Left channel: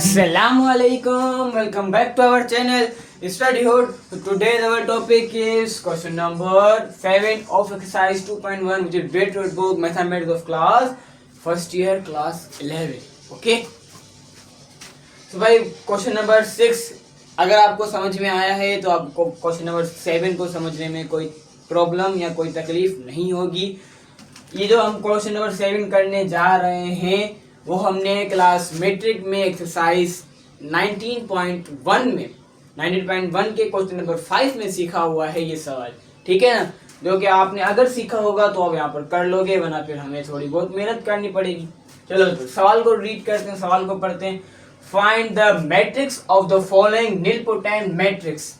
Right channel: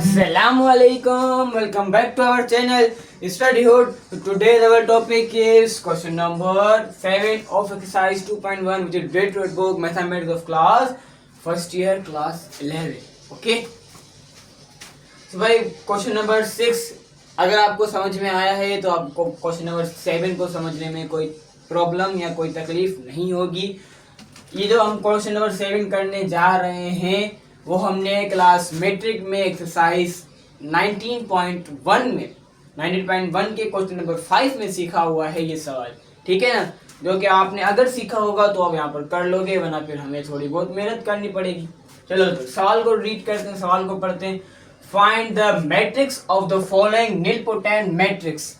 Assalamualaikum. Welcome back to our channel Study Hood. So today's our topic is question number 7 of exercise 2.1, which is Great Road Book Mathematics of class first year, class 11. Okay. तो भाई question number 6 अगर आपको समझ में आया है तो आपको क्वेश्चन नंबर 7 को समझने में कोई प्रॉब्लम या कोई तकलीफ नहीं होगी। ये जो हम क्वेश्चन नंबर 7 करने जा रहे हैं वो हमने क्लास मैट्रिक में एक्सरसाइज 19.1 के क्वेश्चन नंबर 5 में सीखा हुआ है ये सवाल, ठीक है ना, जो कि आपने अगर सीखा होगा तो आप यहाँ पर कर लोगे, वरना फिर हमें थोड़ी बहुत मेहनत करनी पड़ेगी। चलो तो सवाल को रीड करते हैं, सवाल को पढ़ते हैं। Find the matrix of the following nilpotent matrix.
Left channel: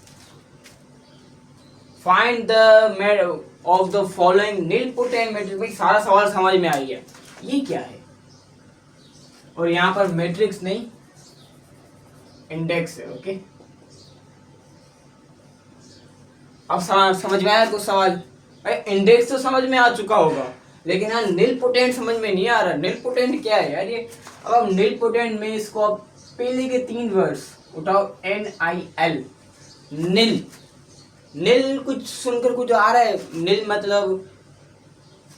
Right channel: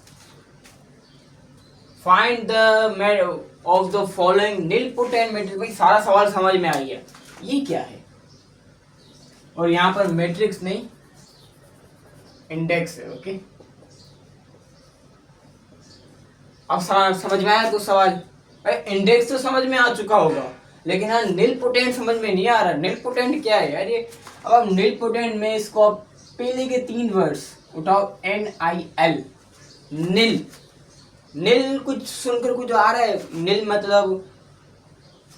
Find the of the following nilpotent matrix. भाई सारा सवाल समझ में आ गया, ये क्या है, और यहां पर मैट्रिक्स नहीं इंडेक्स है। ओके, अब समझ में आया तो सवाल। इंडेक्स तो समझ में आ चुका होगा, लेकिन हाँ निलपोटेंट समझ में नहीं आ रहा। निलपोटेंट क्या है यार ये? अब आप निलपोटेंट में इसको आप पहले के 3 वर्ड्स उठाओ, NIL, निल। निल कुछ सुनकर कुछ आ रहा है? निल मतलब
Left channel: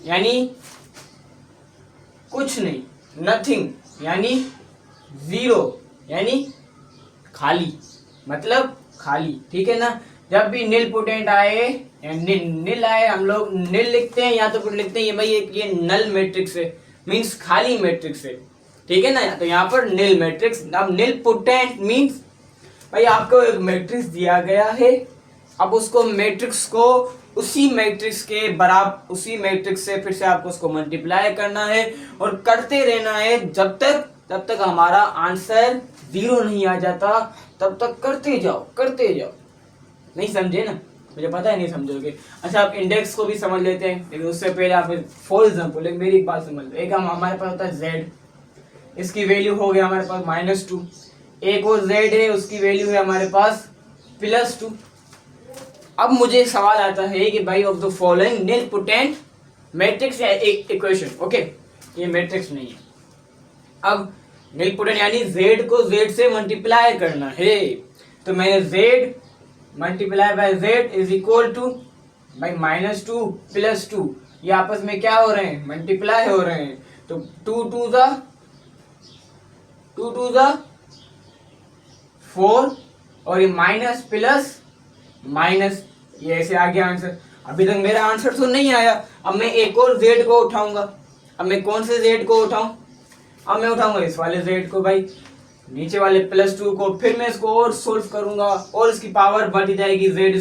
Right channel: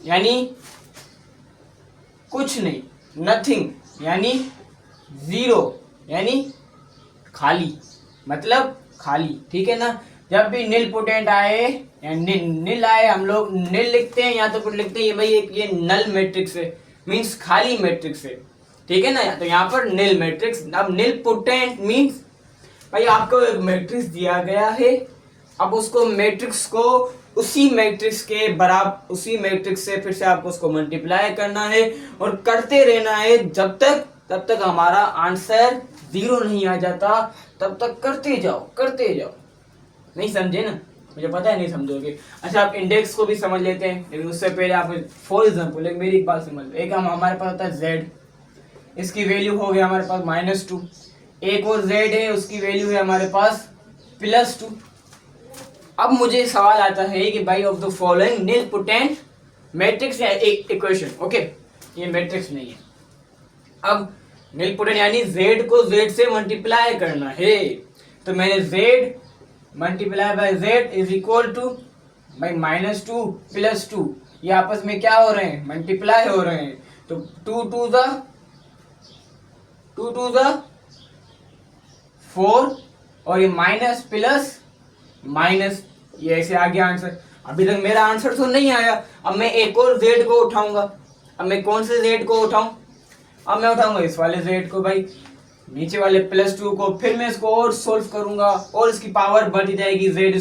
यानी कुछ नहीं, नथिंग यानी जीरो, यानी खाली, मतलब खाली, ठीक है ना। जब भी निलपोटेंट आए या निल आए, हम लोग निल लिखते हैं या तो फिर लिखते हैं ये भाई ये नल मैट्रिक्स है, मींस खाली मैट्रिक्स है, ठीक है ना। तो यहाँ पर निल मैट्रिक्स। अब निलपोटेंट मींस भाई आपको एक मैट्रिक्स दिया गया है, अब उसको मैट्रिक्स को उसी मैट्रिक्स के बराबर, उसी मैट्रिक्स से फिर से आपको उसको मल्टीप्लाई करना है और करते रहना है जब तक हमारा आंसर 0 नहीं आ जाता, तब तक करते जाओ। नहीं समझे ना, मुझे पता है नहीं समझोगे। अच्छा, आप इंडेक्स को भी समझ लेते हैं, लेकिन उससे पहले आप फॉर एग्जांपल मेरी एक बात समझ लो। एक हमारे पास होता है z, इसकी वैल्यू हो गया हमारे पास -2। एक और z है, उसकी वैल्यू है हमारे पास +2। अब मुझे सवाल आता है कि भाई of the following nilpotent matrix या इक्वेशन। ओके, ये मैट्रिक्स नहीं है। अब निलपोटेंट यानी z को z से मल्टीप्लाई करना है, तो मैंने z multiply by z is equal to भाई -2 +2, ये आपस में क्या हो रहे हैं? मल्टीप्लाई हो रहे हैं। तो 2 2 4 और ये माइनस प्लस माइनस, ये ऐसे आ गया आंसर। अभी तक मेरा आंसर तो नहीं आया। अब मैं एक और z को उठाऊंगा। अब मैं कौन से z को उठाऊं? अब मैं उठाऊंगा इस वाले z को, भाई नीचे वाले +2 को। फिर मैं इसको और सोल्व करूंगा और इसकी पावर बढ़ती जाएगी, z², z³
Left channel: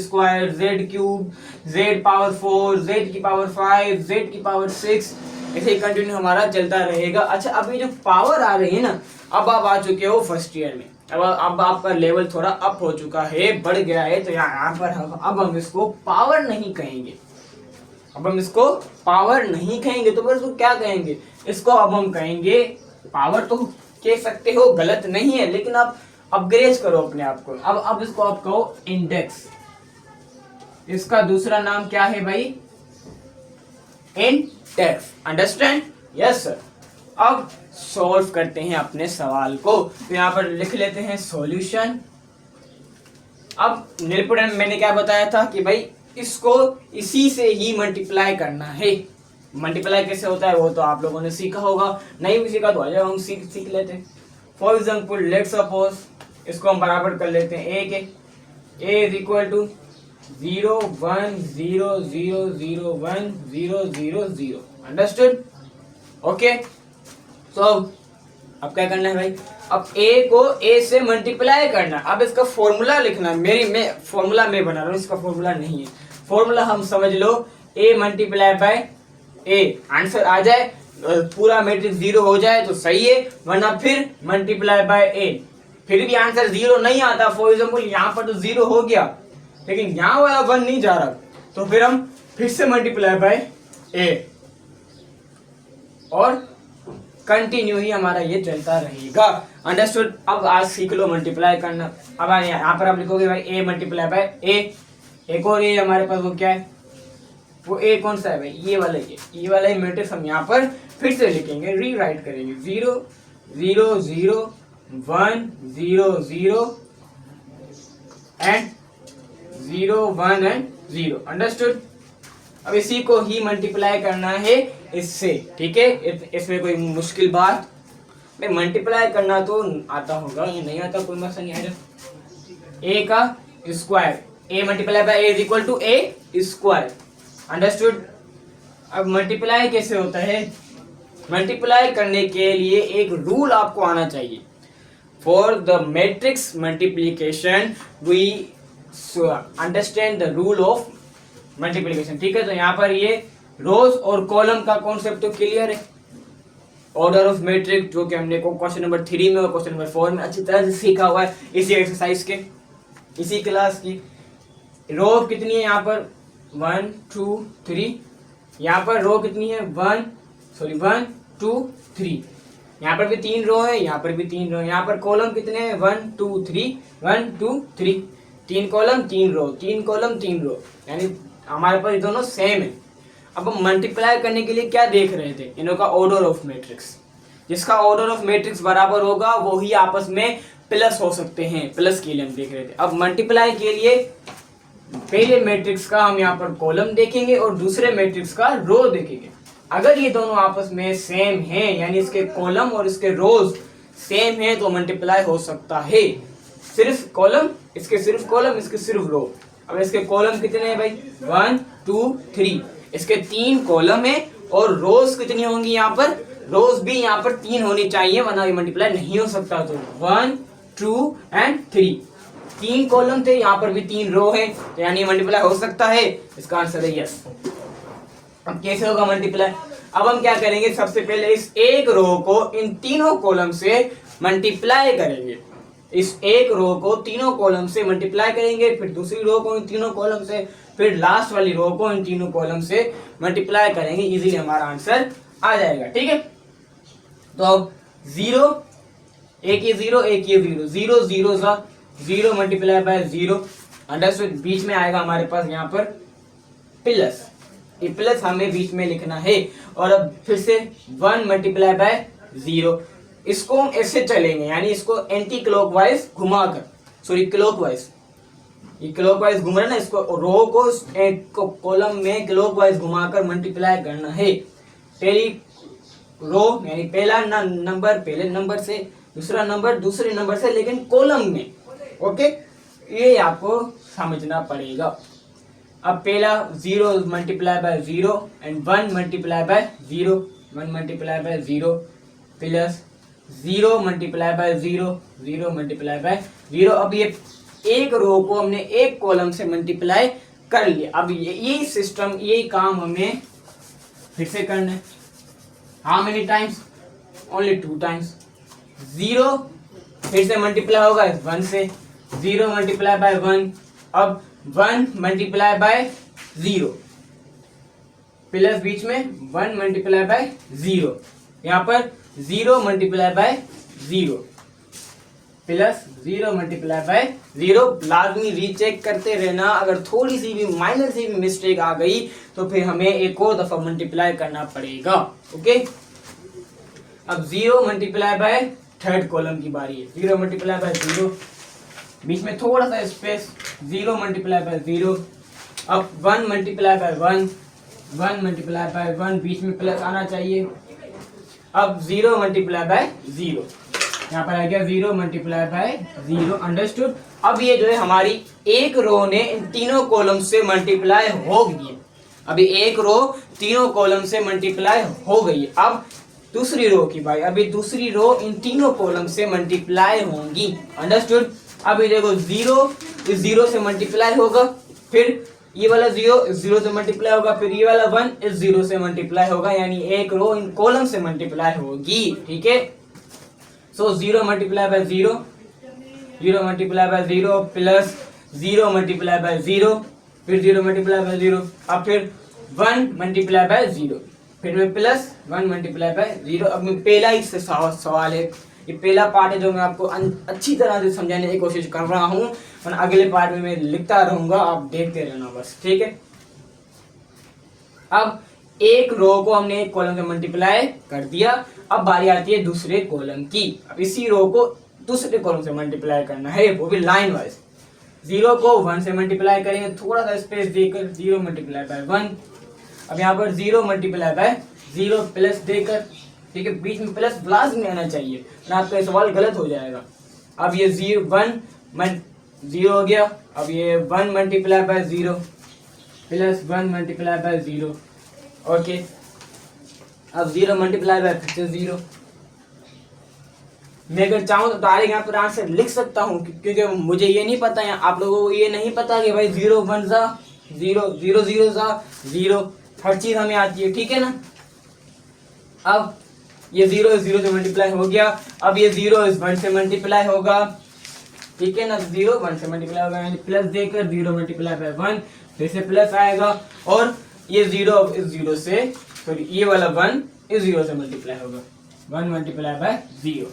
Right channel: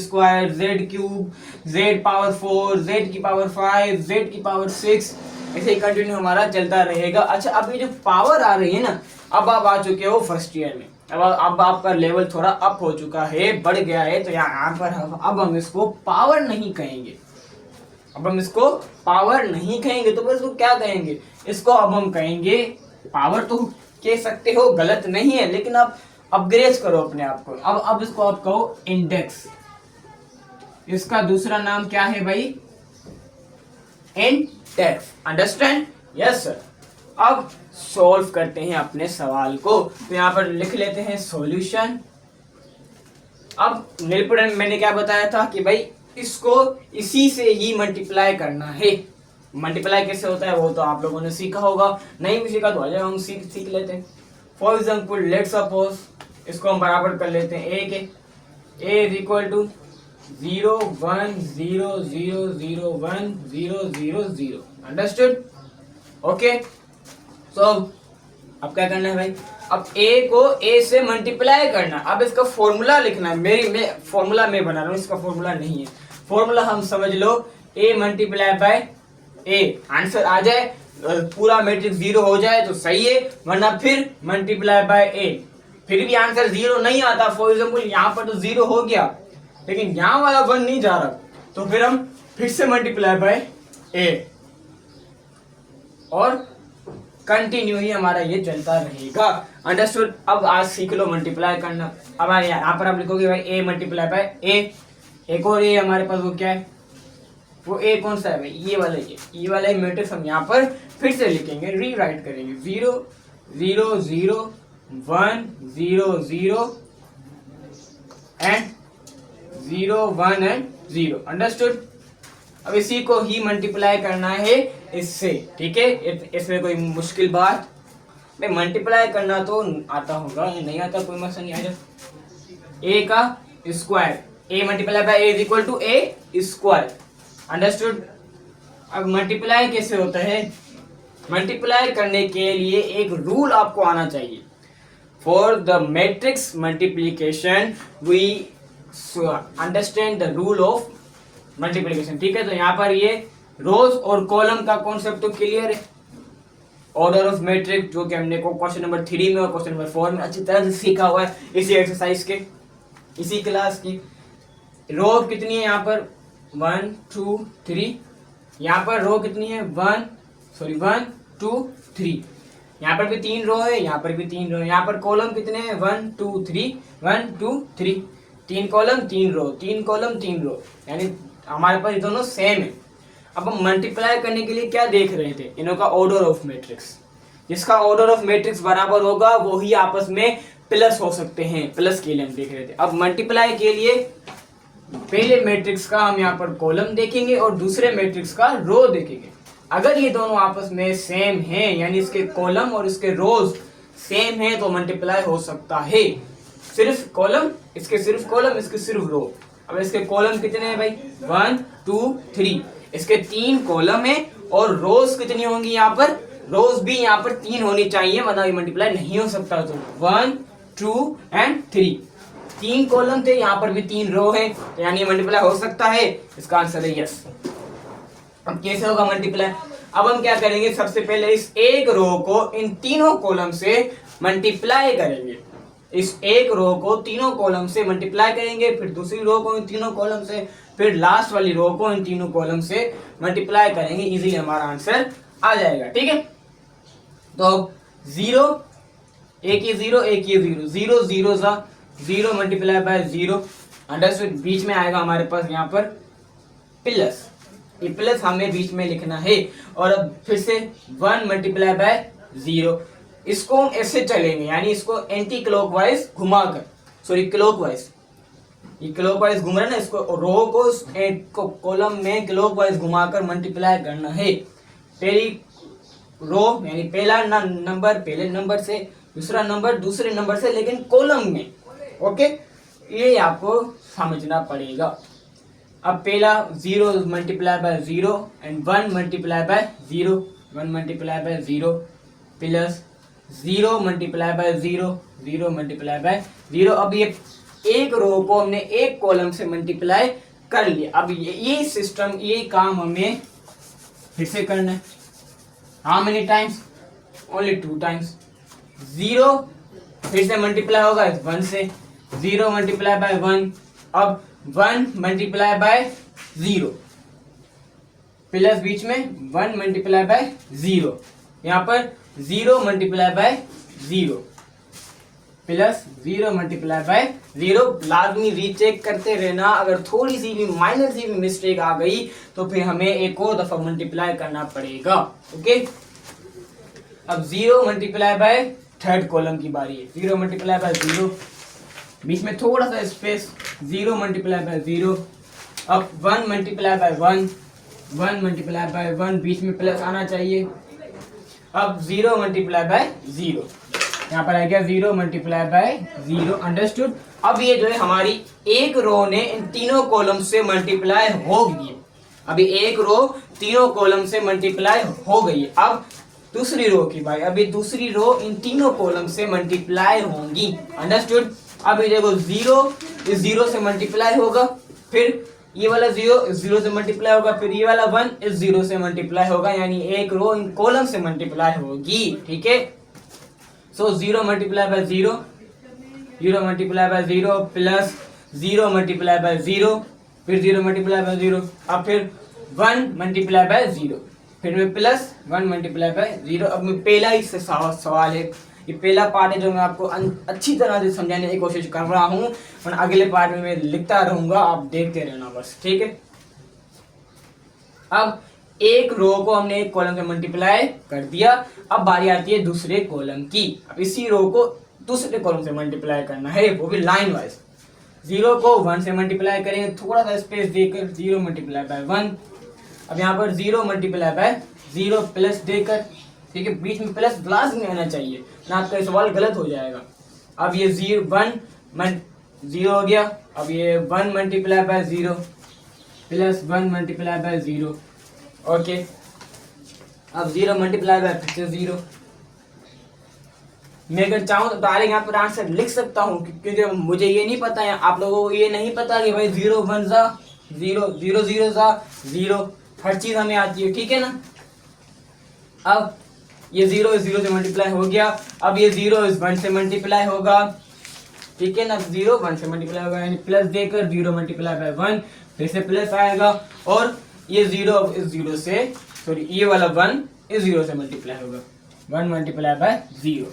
z⁴ z⁵ z⁵ ऐसे ही कंटिन्यू हमारा चलता रहेगा। अच्छा, अब ये जो पावर आ रही है ना, अब आप आ चुके हो फर्स्ट ईयर में, अब आपका लेवल थोड़ा अप हो चुका है, बढ़ गया है, तो यहाँ पर अब हम इसको पावर नहीं कहेंगे। तो बस इसको क्या कहेंगे? इसको अब हम कहेंगे पावर। तो कह सकते हो, गलत नहीं है, लेकिन आप अपग्रेड करो अपने आप को। अब इसको आप कहो इंडेक्स। इसका दूसरा नाम क्या है भाई? इंडेक्स। अंडरस्टैंड? Yes sir. अब सॉल्व करते हैं अपने सवाल को, तो यहाँ पर लिख लेते हैं सॉल्यूशन। अब निलपोटेंट मैंने क्या बताया था कि भाई इसको इसी से ही मल्टीप्लाई करना है। मल्टीप्लाई कैसे होता है वो तो आप लोगों ने सीखा होगा, नहीं भी सीखा तो हम सीख लेते हैं। फॉर एग्जाम्पल लेट सपोज इसको हम बराबर कर लेते हैं a के। a is equal to 0 1 0 0 0 1 0 0 0। Understood? Okay, तो अब क्या करना है भाई? अब a को a से मल्टीप्लाई करना। अब इसका फॉर्मूला लिखना है। फॉर्मूला मैं बना रहा हूँ, इसका फॉर्मूला नहीं है। फॉर्मूला हम समझ लो, a multiply by a, answer आ जाए, पूरा मैट्रिक्स 0 हो जाए तो सही है, वरना फिर मल्टीप्लाई बाय a, फिर भी आंसर 0 नहीं आता। फॉर एग्जाम्पल यहाँ पर तो 0 हो गया, लेकिन यहाँ वाला 1 नहीं जा रहा, तो फिर हम फिर से मल्टीप्लाई बाय a और कंटिन्यू ही हमारा ये चलता रहेगा। अंडरस्टूड? अब आज सीख लो मल्टीप्लाई करना। अब यहाँ पर आप लिखोगे भाई a मल्टीप्लाई बाय a, एक और a हमारे पास वो क्या है? वो a कौन सा है भाई? ये वाला ही मैट्रिक्स हम यहाँ पर फिर से लिखेंगे, रीराइट करेंगे। 0 0 0 1 0 0 एंड 0 1 एंड 0। अंडरस्टूड। अब इसी को ही मल्टीप्लाई करना है इससे, ठीक है। इसमें कोई मुश्किल बात भाई, मल्टीप्लाई करना तो आता होगा, ये नहीं आता कोई मसला नहीं है। ए का square, A multiply by A is equal to A square. Understood. अब मल्टीप्लाई कैसे होता है? मल्टीप्लाई करने के लिए एक रूल आपको आना चाहिए। For the matrix multiplication we understand the rule of multiplication, ठीक है। तो यहाँ पर ये रोज और कॉलम का कॉन्सेप्ट तो क्लियर है। ऑर्डर ऑफ मैट्रिक्स जो कि हमने को क्वेश्चन नंबर 3 में और क्वेश्चन नंबर 4 में अच्छी तरह से सीखा हुआ है, इसी एक्सरसाइज के, इसी क्लास की। रो कितनी है यहाँ पर? 1 2 3। यहाँ पर रो कितनी है? 1 2 3। यहाँ पर भी 3 रो है, यहाँ पर भी 3 रो है। यहाँ पर कॉलम कितने हैं? 1 2 3 1 2 3। 3 कॉलम 3 रो, 3 कॉलम 3 रो, यानी हमारे पास ये दोनों सेम है। अब हम मल्टीप्लाई करने के लिए क्या देख रहे थे? इनों का ऑर्डर ऑफ मैट्रिक्स। जिसका ऑर्डर ऑफ मैट्रिक्स बराबर होगा वो ही आपस में प्लस हो सकते हैं, प्लस के लिए हम देख रहे थे। अब मल्टीप्लाई के लिए पहले मैट्रिक्स का हम यहाँ पर कॉलम देखेंगे और दूसरे मैट्रिक्स का रो देखेंगे। अगर ये दोनों आपस में सेम है, यानी इसके कॉलम और इसके रोज सेम है, तो मल्टीप्लाई हो सकता है। सिर्फ कॉलम, इसके सिर्फ कॉलम, इसके सिर्फ रो। अब इसके कॉलम कितने हैं भाई? 1 2 3। इसके 3 कॉलम है और रोज कितनी होंगी? यहाँ पर रोज भी यहाँ पर 3 होनी चाहिए, वरना ये मल्टीप्लाई नहीं हो सकता। तो 1 2 एंड 3। 3 कॉलम थे, यहाँ पर भी 3 रो है, तो यानी मल्टीप्लाई हो सकता है। इसका आंसर है यस। अब कैसे होगा मल्टीप्लाई? अब हम क्या करेंगे? सबसे पहले इस एक रो को इन तीनों कॉलम से मल्टीप्लाई करेंगे। इस एक रो को तीनों कॉलम से मल्टीप्लाई करेंगे, फिर दूसरी रो को इन तीनों कॉलम से, फिर लास्ट वाली रो को इन तीनों कॉलम से मल्टीप्लाई करेंगे। इजीली हमारा आंसर आ जाएगा, ठीक है। तो 0, एक ये 0, एक ये 0, 0 0 सा 0 मल्टीप्लाई बाय 0। अंडरस्टूड। बीच में आएगा हमारे पास यहाँ पर प्लस, ये प्लस हमें बीच में लिखना है। और अब फिर से 1 मल्टीप्लाई बाय 0। इसको हम ऐसे चलेंगे, यानी इसको एंटी क्लॉकवाइज घुमाकर, सॉरी क्लॉकवाइज, ये क्लॉकवाइज घूम रहा है ना, इसको रो को कॉलम में क्लॉकवाइज घुमाकर मल्टीप्लाई करना है। पहली रो यानी पहला नंबर पहले नंबर से, दूसरा नंबर दूसरे नंबर से, लेकिन कॉलम में। ओके, ये आपको समझना पड़ेगा। अब पहला 0 multiply by 0 and 1 multiply bye 0, 1 multiply bye 0 plus 0 multiply by 0, 0 multiply by 0। अब ये एक रो को हमने एक कॉलम से मल्टीप्लाई कर लिया। अब यही सिस्टम, यही काम हमें फिर से करना है। How many times? Only 2 times. 0 फिर से मल्टीप्लाई होगा 1 से, 0 मल्टीप्लाई बाय 1। अब 1 मल्टीप्लाई बाय 0 प्लस बीच में 1 मल्टीप्लाई बाय 0। यहाँ पर 0 multiply by 0 plus 0 multiply by 0। लाजमी रीचेक करते रहना, अगर थोड़ी सी भी माइनर सी भी मिस्टेक आ गई तो फिर हमें एक और दफा मल्टीप्लाई करना पड़ेगा। ओके, अब 0 मल्टीप्लाई बाय थर्ड कॉलम की बारी है। 0 मल्टीप्लाई बाय 0, बीच में थोड़ा सा स्पेस, 0 मल्टीप्लाई बाय 0। अब 1 मल्टीप्लाई बाय 1, 1 मल्टीप्लाई बाय 1, बीच में प्लस आना चाहिए। अब 0 मल्टीप्लाई बाय 0, यहाँ पर आ गया 0 मल्टीप्लाई बाय 0। अंडरस्टूड। अब ये जो है हमारी एक रो ने इन तीनों कॉलम से मल्टीप्लाई हो गई है। अभी एक रो तीनों कॉलम से मल्टीप्लाई हो गई है। अब दूसरी रो की बारी, अभी दूसरी रो इन तीनों कॉलम से मल्टीप्लाई होंगी। अंडरस्टूड। अभी देखो 0 इस 0 से मल्टीप्लाई होगा, फिर ये वाला 0 इस 0 से मल्टीप्लाई होगा, फिर ये वाला 1 इस 0 से मल्टीप्लाई होगा, यानी एक रो इन कॉलम से मल्टीप्लाई होगी। ठीक है। सो 0 multiply by 0, 0 multiply by 0 plus 0 multiply by 0, फिर 0 मल्टीप्लाई बाय 0, अब फिर 1 मल्टीप्लाई बाय 0, फिर में प्लस 1 मल्टीप्लाई बाय 0। अब मैं पहला ही से सवाल है, ये पहला पार्ट है जो मैं आपको अच्छी तरह से समझाने की कोशिश कर रहा हूँ, और अगले पार्ट में मैं लिखता रहूंगा, आप देखते रहना बस। ठीक है। अब एक रो को हमने एक कॉलम से मल्टीप्लाई कर दिया, अब बारी आती है दूसरे कॉलम की। अब इसी रो को दूसरे कॉलम से मल्टीप्लाई करना है, वो भी लाइन वाइज। 0 को 1 से मल्टीप्लाई करेंगे, थोड़ा सा स्पेस देकर 0 मल्टीप्लाई बाय 1। अब यहाँ पर 0 मल्टीप्लाई बाय 0 प्लस देकर, ठीक है, बीच में प्लस लाजमी आना चाहिए ना, आपका सवाल गलत हो जाएगा। अब ये 0 हो गया। अब ये 1 multiply bye 0 plus 1 multiply bye 0। Okay, अब 0 मल्टीप्लाई बाय फिर से 0। मैं अगर चाहूँ तो डायरेक्ट यहाँ पर आंसर लिख सकता हूँ, क्योंकि मुझे ये नहीं पता है, आप लोगों को ये नहीं पता कि भाई 0 1 जा 0, 0 0 जा 0, हर चीज हमें आती है, ठीक है ना। अब ये 0 इस 0 से मल्टीप्लाई हो गया। अब ये 0 इस 1 से मल्टीप्लाई होगा, ठीक है ना। 0 1 से मल्टीप्लाई होगा, यानी प्लस देकर 0 मल्टीप्लाई बाय 1, फिर से प्लस आएगा। और ये 0 इस 0 से, सॉरी ये वाला 1 इस 0 से मल्टीप्लाई होगा, 1 मल्टीप्लाई बाय 0।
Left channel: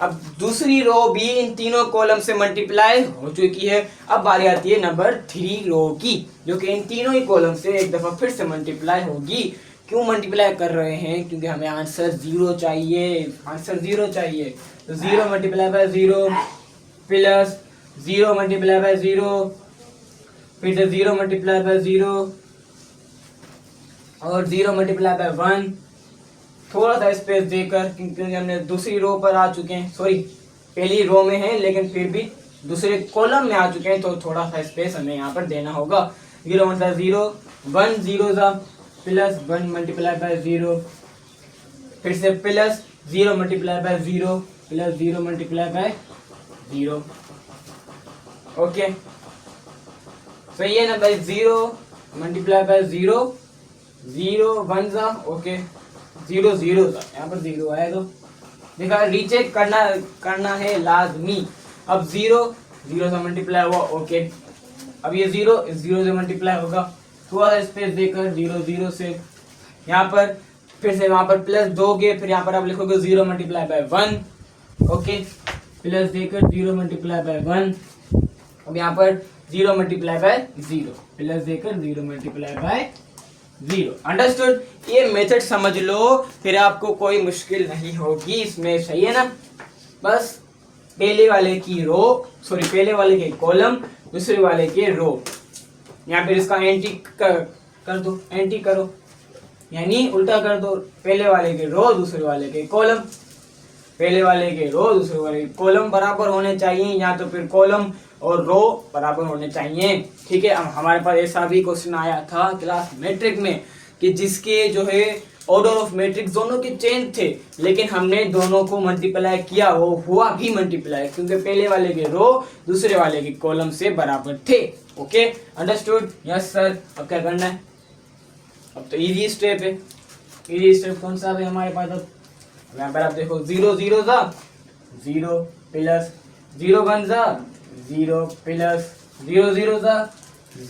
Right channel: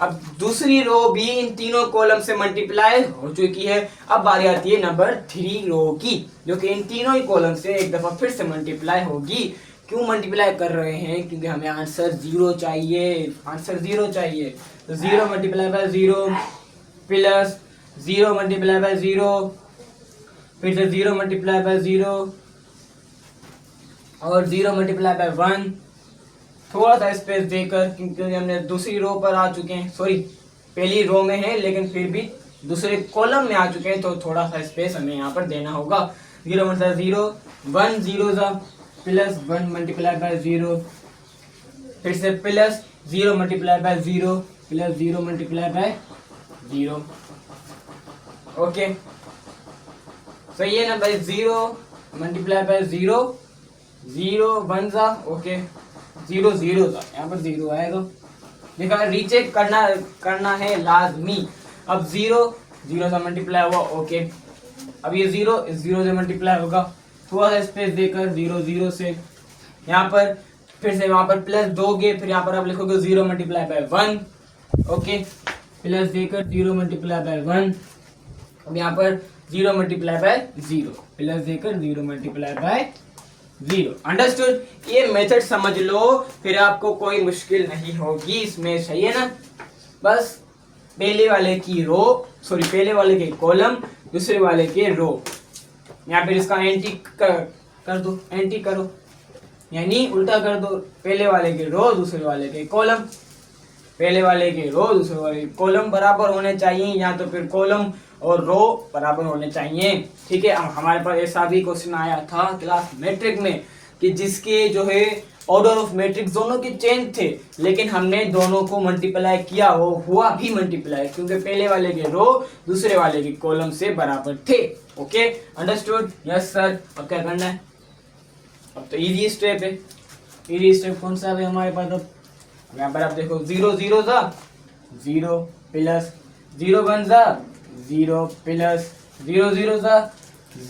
अब दूसरी रो भी इन तीनों कॉलम से मल्टीप्लाई हो चुकी है। अब बारी आती है नंबर 3 रो की, जो कि इन तीनों ही कॉलम से एक दफा फिर से मल्टीप्लाई होगी। क्यों मल्टीप्लाई कर रहे हैं? क्योंकि हमें आंसर 0 चाहिए, आंसर 0 चाहिए। तो 0 multiply by 0 plus 0 multiply by 0, फिर से 0 मल्टीप्लाई बाय 0 और 0 मल्टीप्लाई बाय 1। थोड़ा सा स्पेस देकर, क्योंकि हमने दूसरी रो पर आ चुके हैं, सॉरी पहली रो में है लेकिन फिर भी दूसरे कॉलम में आ चुके हैं, तो थोड़ा सा स्पेस हमें यहाँ पर देना होगा। 0 मतलब 0, 1 0 जा प्लस 1 मल्टीप्लाई बाय 0, फिर से plus 0 multiply by 0 plus 0 multiply by 0। Okay, सही है ना भाई। 0 मल्टीप्लाई बाय 0, 0 1 जा, ओके 0 0 था, यहाँ पर 0 आएगा। देखा, रीचेक करना है लाजमी। अब 0 0 से मल्टीप्लाई हुआ, ओके। अब ये 0 इस 0 से मल्टीप्लाई होगा, थोड़ा सा स्पेस देकर 0 0 से यहाँ पर फिर से वहां पर प्लस दोगे, फिर यहाँ पर आप लिखोगे 0 मल्टीप्लाई बाय 1, ओके, प्लस देकर 0 मल्टीप्लाई बाय 1। अब यहाँ पर 0 मल्टीप्लाई बाय 0 प्लस देकर 0 मल्टीप्लाई बाय 0। अंडरस्टूड? ये मेथड समझ लो, फिर आपको कोई मुश्किल नहीं होगी इसमें, सही है ना। बस पहले वाले की रो, सॉरी पहले वाले के कॉलम, दूसरे वाले के रो, यहाँ पर इसका एंटी कर दो, एंटी करो, यानी उल्टा कर दो। पहले वाले के रो, दूसरे वाले के कॉलम, पहले वाले के रो, दूसरे वाले के कॉलम बराबर होने चाहिए, या तो फिर कॉलम और रो बराबर होने चाहिए, ठीक है। हमारे पास ऐसा भी क्वेश्चन आया था क्लास मैट्रिक में कि जिसके जो है ऑर्डर ऑफ मैट्रिक्स दोनों के चेंज थे, लेकिन हमने दोनों को मल्टीप्लाई किया, वो हुआ भी मल्टीप्लाई, क्योंकि पहले वाले के रो दूसरे वाले के कॉलम से बराबर थे। Okay, understood? Yes sir. अब क्या करना है? अब तो इजी स्टेप है। इजी स्टेप कौन सा है हमारे पास? अब यहाँ पर आप देखो 0 0 जा 0 प्लस 0 1 जा 0 प्लस 0 0 जा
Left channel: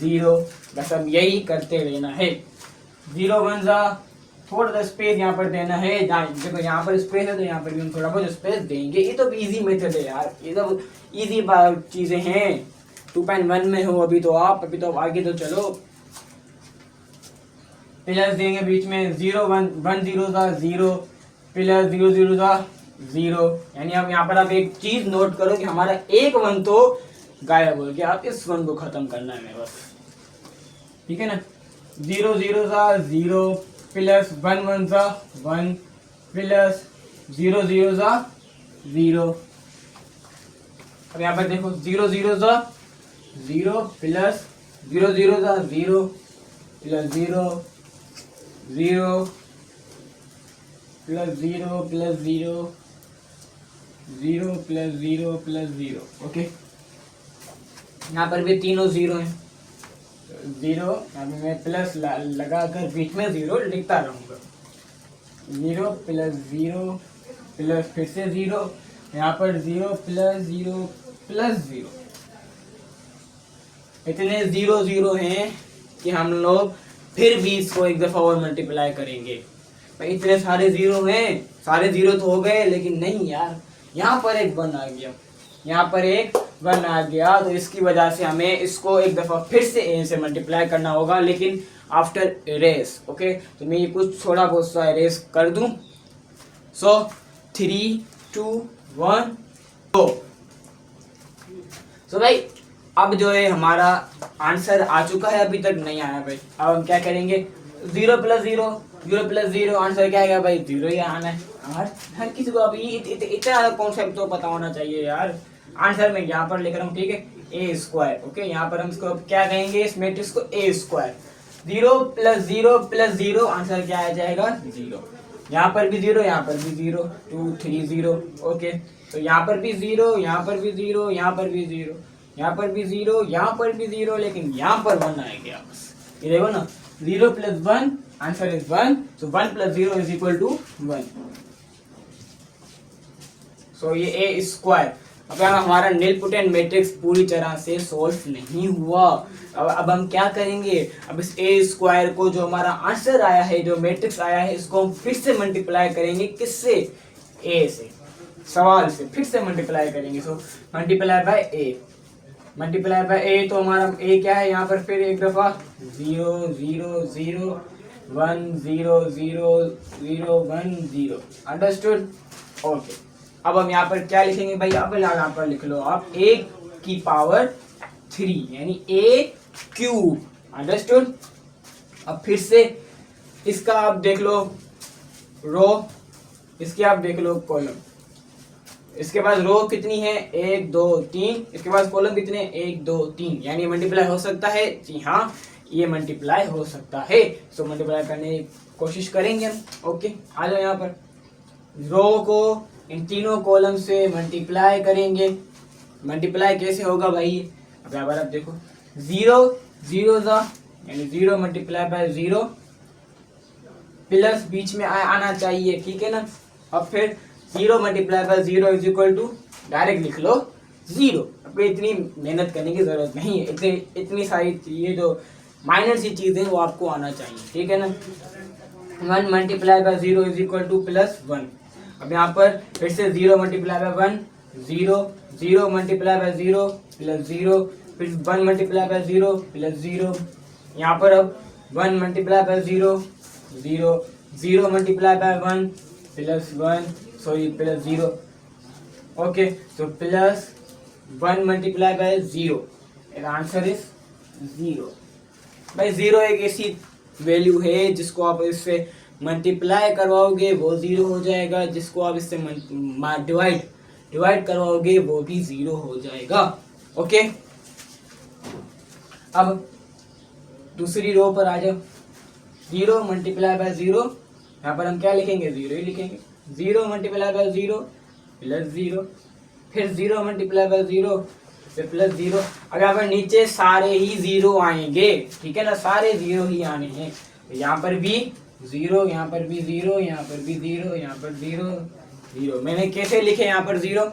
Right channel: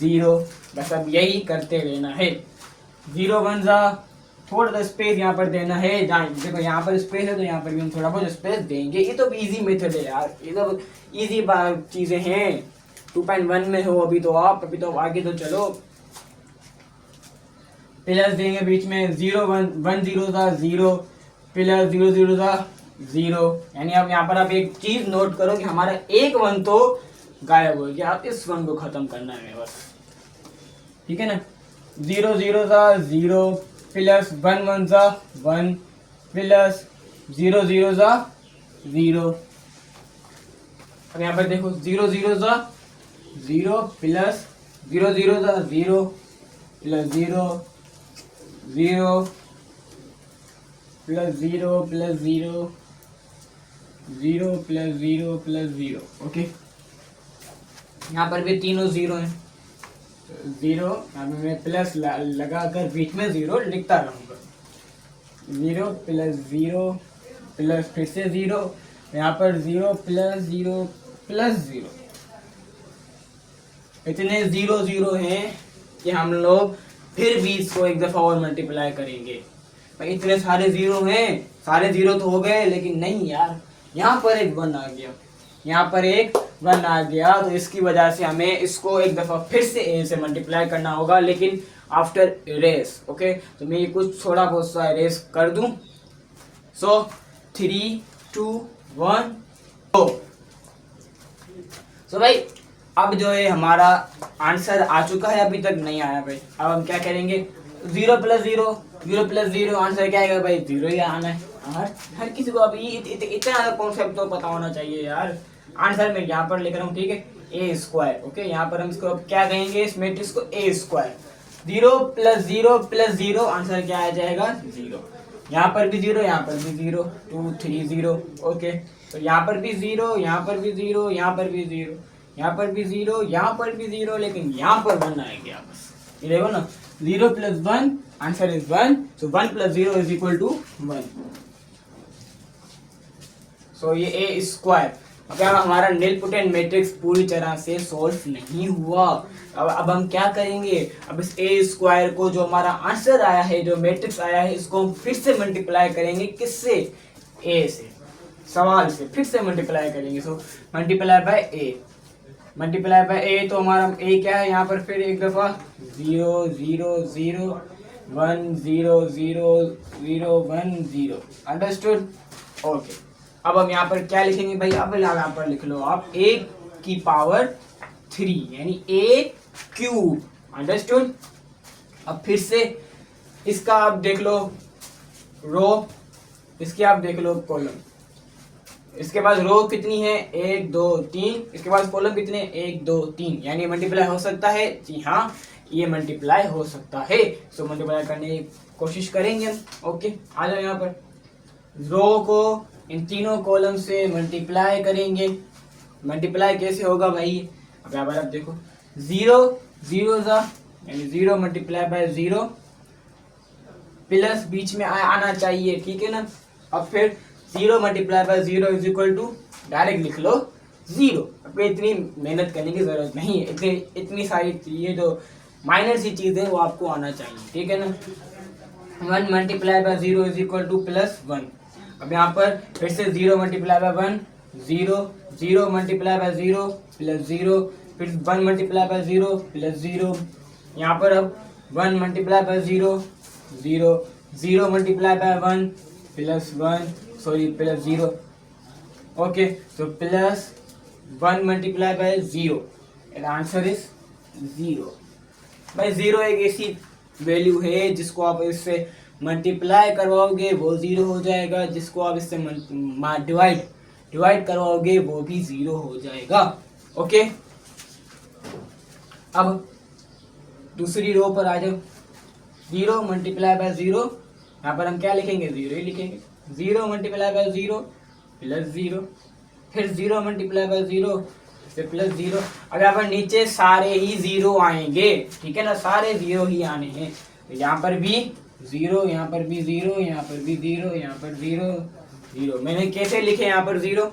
0, बस अब यही करते रहना है। 0 1 जा, थोड़ा सा स्पेस यहाँ पर देना है, देखो यहाँ पर स्पेस है तो यहाँ पर भी हम थोड़ा बहुत स्पेस देंगे। ये तो इजी मेथड है यार, ये तो इजी चीजें हैं। 2.1 में हो अभी तो आप, अभी तो आगे तो चलो। प्लस देंगे बीच में 0 1 1 0 था 0 प्लस 0 0 था 0, यानी अब यहाँ पर आप एक चीज नोट करो कि हमारा एक 1 तो गायब हो गया, अब इस 1 को खत्म करना है बस, ठीक है ना। 0 0 था 0 प्लस 1 1 था 1 प्लस 0 0 था 0। अब यहाँ पर देखो 0 0 था 0 प्लस 0 0 था 0 plus 0 0 plus 0 plus 0 0 plus 0 plus 0। Okay, यहाँ पर भी तीनों 0 हैं, 0 यहाँ पे मैं प्लस लगाकर बीच में 0 लिखता रहूँगा। 0 प्लस 0 प्लस फिर से 0, यहाँ पर 0 प्लस 0 प्लस 0। इतने 0 0 हैं कि हम लोग फिर भी इसको एक दफा और मल्टीप्लाई करेंगे। भाई इतने सारे 0 हैं, सारे 0 तो हो गए, लेकिन नहीं यार, यहाँ पर एक 1 आ गया, यहाँ पर एक 1 आ गया, तो इसकी वजह से हमें इसको एक दफा फिर से a से मल्टीप्लाई करना होगा, लेकिन आफ्टर इरेज। ओके, तो मैं ये कुछ थोड़ा बहुत सा इरेज कर दूं। सो 3 2 1 तो भाई अब जो है हमारा आंसर आ चुका है, अभी तक नहीं आया भाई। अब हम क्या करेंगे, 0 + 0, 0 + 0 आंसर क्या आएगा भाई, 0 ही आना है। हर किसी को अभी इतना कॉन्सेप्ट तो पता होना चाहिए यार। आंसर मैं यहाँ पर लिख रहा हूँ, ठीक है, a²। ओके, यहाँ पर हम इसको क्या कहेंगे, इस मैट्रिक्स को a²। 0 + 0 + 0 आंसर क्या आ जाएगा, 0। यहाँ पर भी 0, यहाँ पर भी 0, 2 3 0। ओके, तो यहाँ पर भी 0, यहाँ पर भी 0, यहाँ पर भी 0, यहाँ पर भी 0, यहाँ पर भी 0, लेकिन यहाँ पर 1 आ गया बस। ये देखो ना, 0 + 1 आंसर इज 1, सो 1 + 0 = 1। सो ये a²। अब हमारा नीलपोटेंट मैट्रिक्स पूरी तरह से सॉल्व नहीं हुआ। अब हम क्या करेंगे, अब इस a² को जो हमारा आंसर आया है, जो मैट्रिक्स आया है, इसको हम फिर से मल्टीप्लाई करेंगे, किससे, a से, सवाल से फिर से मल्टीप्लाई करेंगे। So multiply by a, multiply by a, तो हमारा a क्या है, यहाँ पर फिर एक दफा 0 0 0 1 0 0 0 1 0। अंडरस्टूड? ओके, अब हम यहाँ पर क्या लिखेंगे भाई, अब यहाँ पर लिख लो आप a⁴ यानी a³। अंडरस्टूड? अब फिर से इसका आप देख लो रो, इसके आप देख लो कॉलम। इसके पास रो कितनी है, 1 2 3, इसके पास कॉलम कितने, 1 2 3, यानी मल्टीप्लाई हो सकता है। जी हाँ, ये मल्टीप्लाई हो सकता है। सो मल्टीप्लाई करने की कोशिश करेंगे हम। ओके, आ जाओ यहाँ पर, रो को इन तीनों कॉलम से मल्टीप्लाई करेंगे। मल्टीप्लाई कैसे होगा भाई, अब यहाँ पर आप देखो, 0 0 यानी 0 × 0 प्लस बीच में आना चाहिए, ठीक है ना। अब फिर 0 × 0 = डायरेक्ट लिख लो 0। अब इतनी मेहनत करने की जरूरत नहीं है, इतनी सारी ये जो माइनर सी चीजें वो आपको आना चाहिए, ठीक है ना। 1 × 0 = +1। अब यहाँ पर फिर से 0 × 1 0, 0 × 0 +0, फिर 1 × 0 +0। यहाँ पर अब 1 × 0 0, 0 × 1 +1, sorry +0। Okay, so +1 × 0, answer is 0। भाई 0 एक ऐसी वैल्यू है जिसको आप इससे मल्टीप्लाई करवाओगे वो 0 हो जाएगा, जिसको आप इससे डिवाइड करवाओगे वो भी 0 हो जाएगा। ओके, अब दूसरी रो पर आ जाओ, 0 × 0, यहाँ पर हम क्या लिखेंगे, 0 ही लिखेंगे। 0 × 0 +0, फिर 0 × 0 से +0। अब यहाँ पर नीचे सारे ही 0 आएंगे, ठीक है ना, सारे 0 ही आने हैं। तो यहाँ पर भी 0, यहाँ पर भी 0, यहाँ पर भी 0, यहाँ पर 0 0। मैंने कैसे लिखे यहाँ पर 0,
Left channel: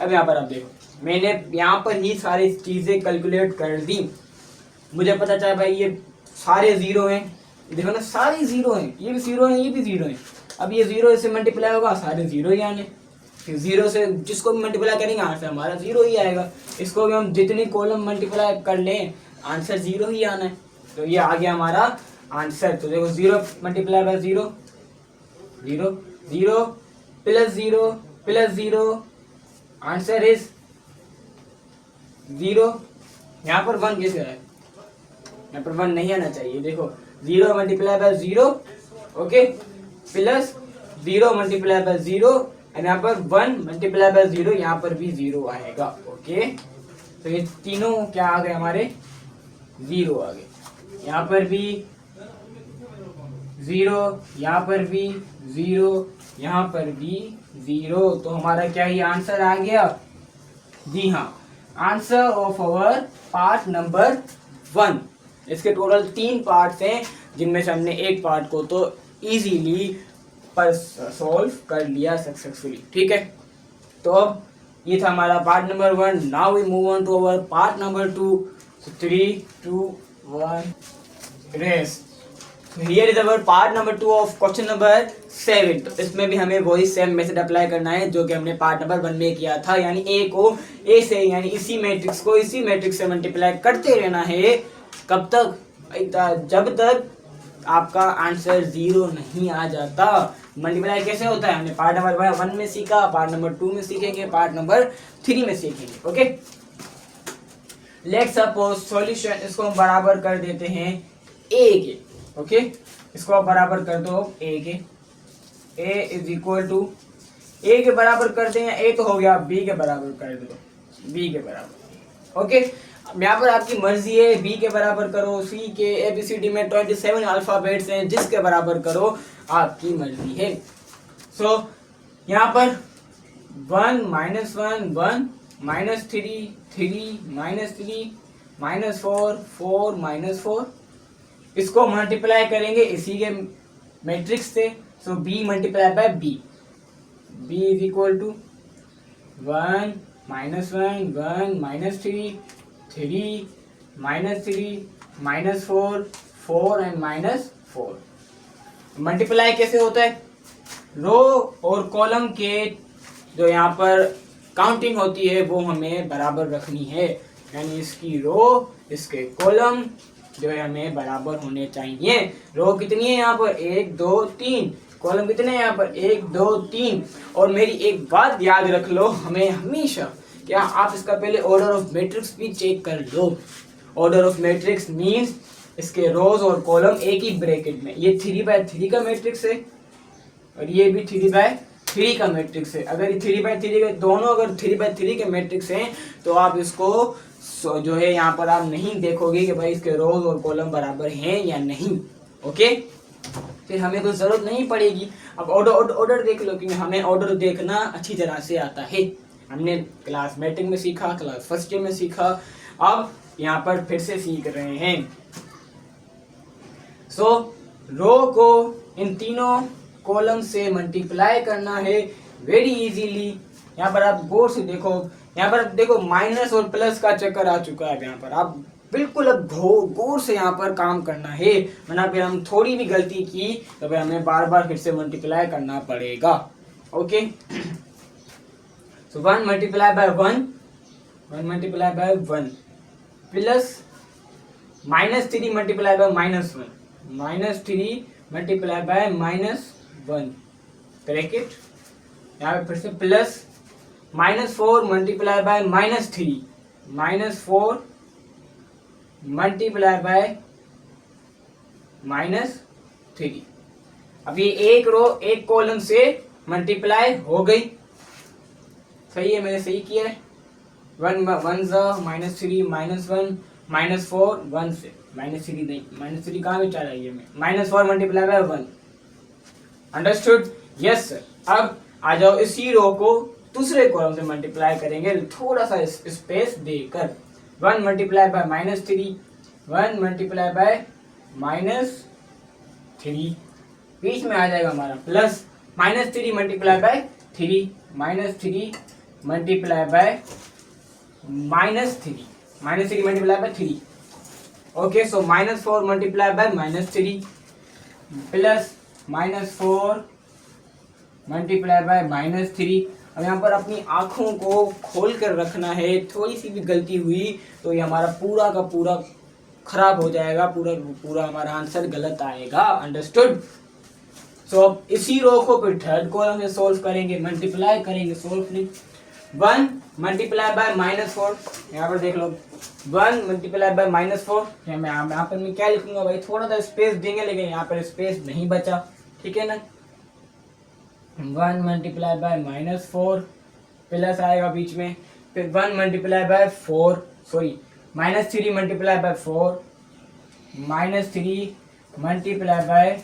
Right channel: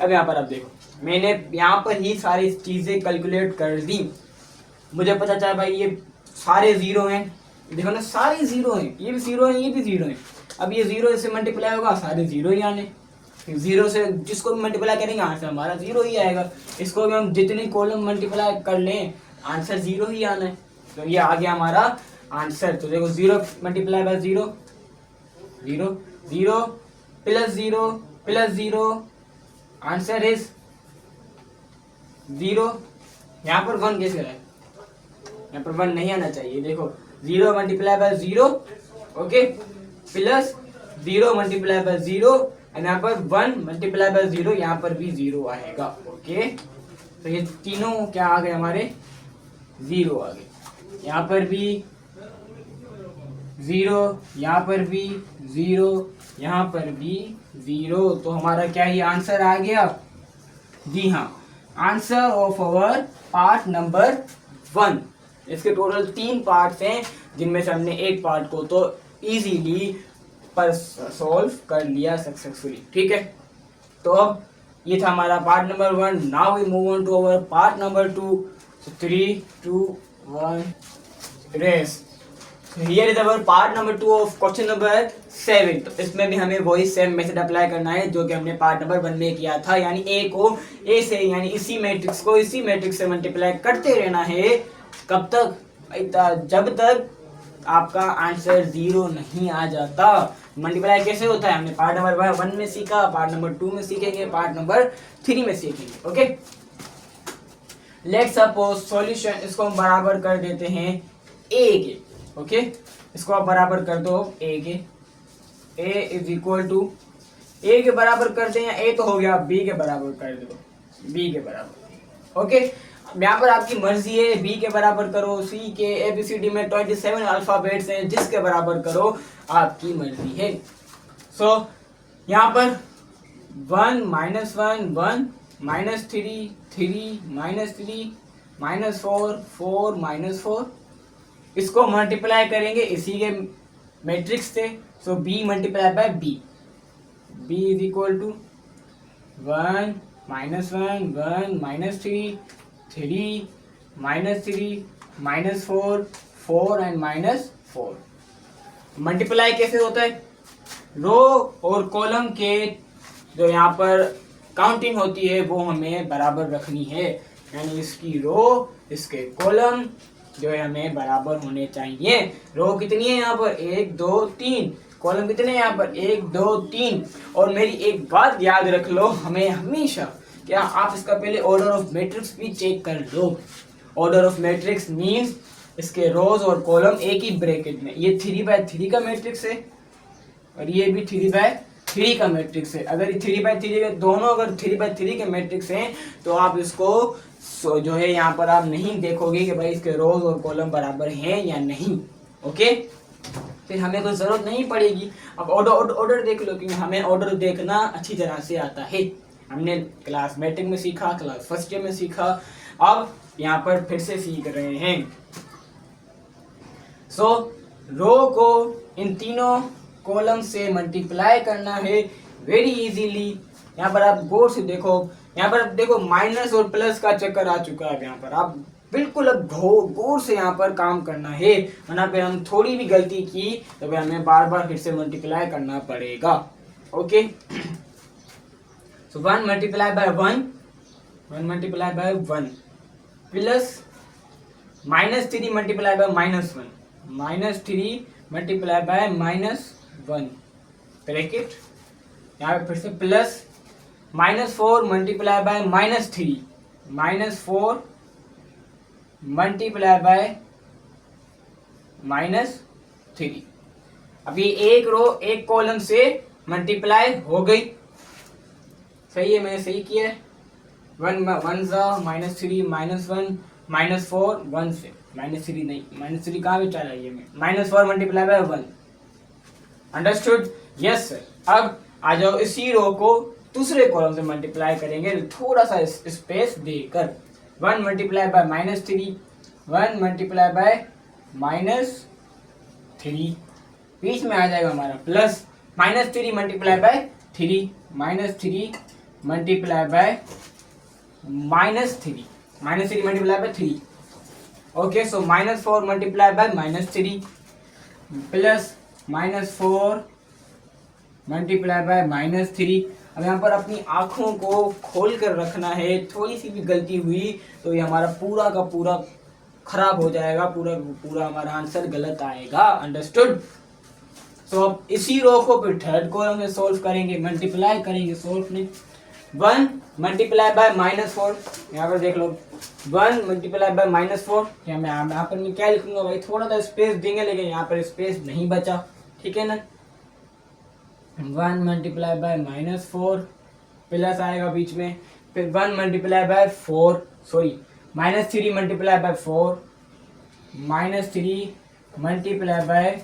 अब यहाँ पर आप देखो, मैंने यहाँ पर ही सारी चीजें कैलकुलेट कर दी। मुझे पता चला भाई ये सारे 0 हैं, देखो ना सारे 0 हैं, ये भी 0 है, ये भी 0 है। अब ये 0 से मल्टीप्लाई होगा, सारे 0 ही आने। 0 से जिसको भी मल्टीप्लाई करेंगे आंसर हमारा 0 ही आएगा। इसको भी हम जितनी कॉलम मल्टीप्लाई कर लें आंसर 0 ही आना है। तो ये आ गया हमारा आंसर। तो देखो 0 × 0 0 0 +0 +0, आंसर इज 0। यहाँ पर 1 कैसे है, यहाँ पर 1 नहीं आना चाहिए। देखो 0 × 0, ओके, प्लस 0 × 0, यहाँ पर 1 × 0, यहाँ पर भी 0 आएगा। ओके, तो ये तीनों क्या आ गए हमारे, 0 आ गए। यहाँ पर भी 0, यहाँ पर भी 0, यहाँ पर भी 0। तो हमारा क्या ये आंसर आ गया, जी हाँ, answer of our part number 1। इसके टोटल 3 पार्ट्स हैं, जिनमें से हमने एक पार्ट को तो इजीली पर सॉल्व कर लिया सक्सेसफुली, ठीक है। तो अब ये था हमारा part number 1। Now we move on to our part number 2। 3 2 1 race. Here is our part number 2 of question number 7। तो इसमें भी हमें वही सेम मेथड अप्लाई करना है जो कि हमने पार्ट नंबर 1 में किया था, यानी ए को ए से, यानी इसी मैट्रिक्स को इसी मैट्रिक्स से मल्टीप्लाई करते रहना है। कब तक, जब तक आपका आंसर 0 नहीं आ जाता। मल्टीप्लाई कैसे होता है हमने पार्ट नंबर 1 में सीखा, पार्ट नंबर 2 में सीखेंगे, पार्ट नंबर 3 में सीखेंगे। ओके, लेट्स सपोज सॉल्यूशन, इसको हम बराबर कर देते हैं a के। ओके, इसको आप बराबर कर दो a के, a is equal to a के बराबर करते हैं, a तो हो गया, b के बराबर कर दो, b के बराबर। ओके, यहाँ पर आपकी मर्जी है, b के बराबर करो, c के, ABCD में 27 अल्फाबेट्स हैं, जिसके बराबर करो आपकी मर्जी है। सो यहाँ पर 1 -1 1 -3 3 -3 -4 4 -4, इसको मल्टीप्लाई करेंगे इसी के मैट्रिक्स से। So b multiply by b, b is equal to 1 -1 1 -3 3 -3 -4 4 and -4। Multiply कैसे होता है, रो और कॉलम के जो यहाँ पर काउंटिंग होती है वो हमें बराबर रखनी है, यानी इसकी रो इसके कॉलम जो है हमें बराबर होने चाहिए। रो कितनी है यहाँ पर 1 2 3, कॉलम कितने हैं यहाँ पर 1 2 3। और मेरी एक बात याद रख लो, हमें हमेशा, क्या आप इसका पहले ऑर्डर ऑफ मैट्रिक्स भी चेक कर लो। ऑर्डर ऑफ मैट्रिक्स मींस इसके रोज और कॉलम एक ही ब्रैकेट में, ये 3/3 का मैट्रिक्स है और ये भी 3/3 का मैट्रिक्स है। अगर ये 3/3 के दोनों अगर 3/3 के मैट्रिक्स हैं तो आप इसको जो है यहाँ पर आप नहीं देखोगे कि भाई इसके रोज और कॉलम बराबर हैं या नहीं। ओके, फिर हमें कोई जरूरत नहीं पड़ेगी। अब ऑर्डर देख लो, क्योंकि हमें ऑर्डर देखना अच्छी तरह से आता है, हमने क्लास मैट्रिक में सीखा, क्लास फर्स्ट ईयर में सीखा, अब यहाँ पर फिर से सीख रहे हैं। सो रो को इन तीनों कॉलम से मल्टीप्लाई करना है वेरी इजीली। यहाँ पर आप गौर से देखो, यहाँ पर देखो माइनस और प्लस का चक्कर आ चुका है। यहाँ पर आप बिल्कुल अब गौर से यहाँ पर काम करना है, वरना फिर हम थोड़ी भी गलती की तो फिर हमें बार बार फिर से मल्टीप्लाई करना पड़ेगा। Okay, so 1 multiply by 1 1 multiply by 1 plus -3 multiply by -1 -3 multiply by -1 bracket, यहाँ पे फिर से plus -4 multiply by -3 -4 multiply by -3। अब ये एक रो एक कॉलम से मल्टीप्लाई हो गई, सही है, मैंने सही किया है। 1 1 -3 -1 -4 1 से -3 नहीं, -3 कहाँ पे चला ये में, -4 multiply by 1। Understood? Yes sir. अब आ जाओ, इसी रो को दूसरे कॉलम से मल्टीप्लाई करेंगे थोड़ा सा स्पेस देकर। 1 मल्टीप्लाई बाय -3 1 मल्टीप्लाई बाय -3, बीच में आ जाएगा हमारा plus -3 multiply by 3 -3 multiply by -3 -3 multiply by 3। Okay, so -4 multiply by -3 plus -4 multiply by -3। अब यहाँ पर अपनी आंखों को खोल कर रखना है, थोड़ी सी भी गलती हुई तो ये हमारा पूरा का पूरा खराब हो जाएगा, पूरा हमारा आंसर गलत आएगा। अंडरस्टूड? सो अब इसी रो को फिर थर्ड कॉलम में सोल्व करेंगे, मल्टीप्लाई करेंगे, सोल्व नहीं। 1 मल्टीप्लाई बाय -4, यहाँ पर देख लो 1 मल्टीप्लाई बाय -4, यहाँ पर मैं क्या लिखूंगा भाई, थोड़ा सा स्पेस देंगे, लेकिन यहाँ पर स्पेस नहीं बचा, ठीक है ना। 1 मल्टीप्लाई बाय -4 प्लस आएगा बीच में, फिर 1 multiply by 4 sorry -3 multiply by 4 -3 multiply by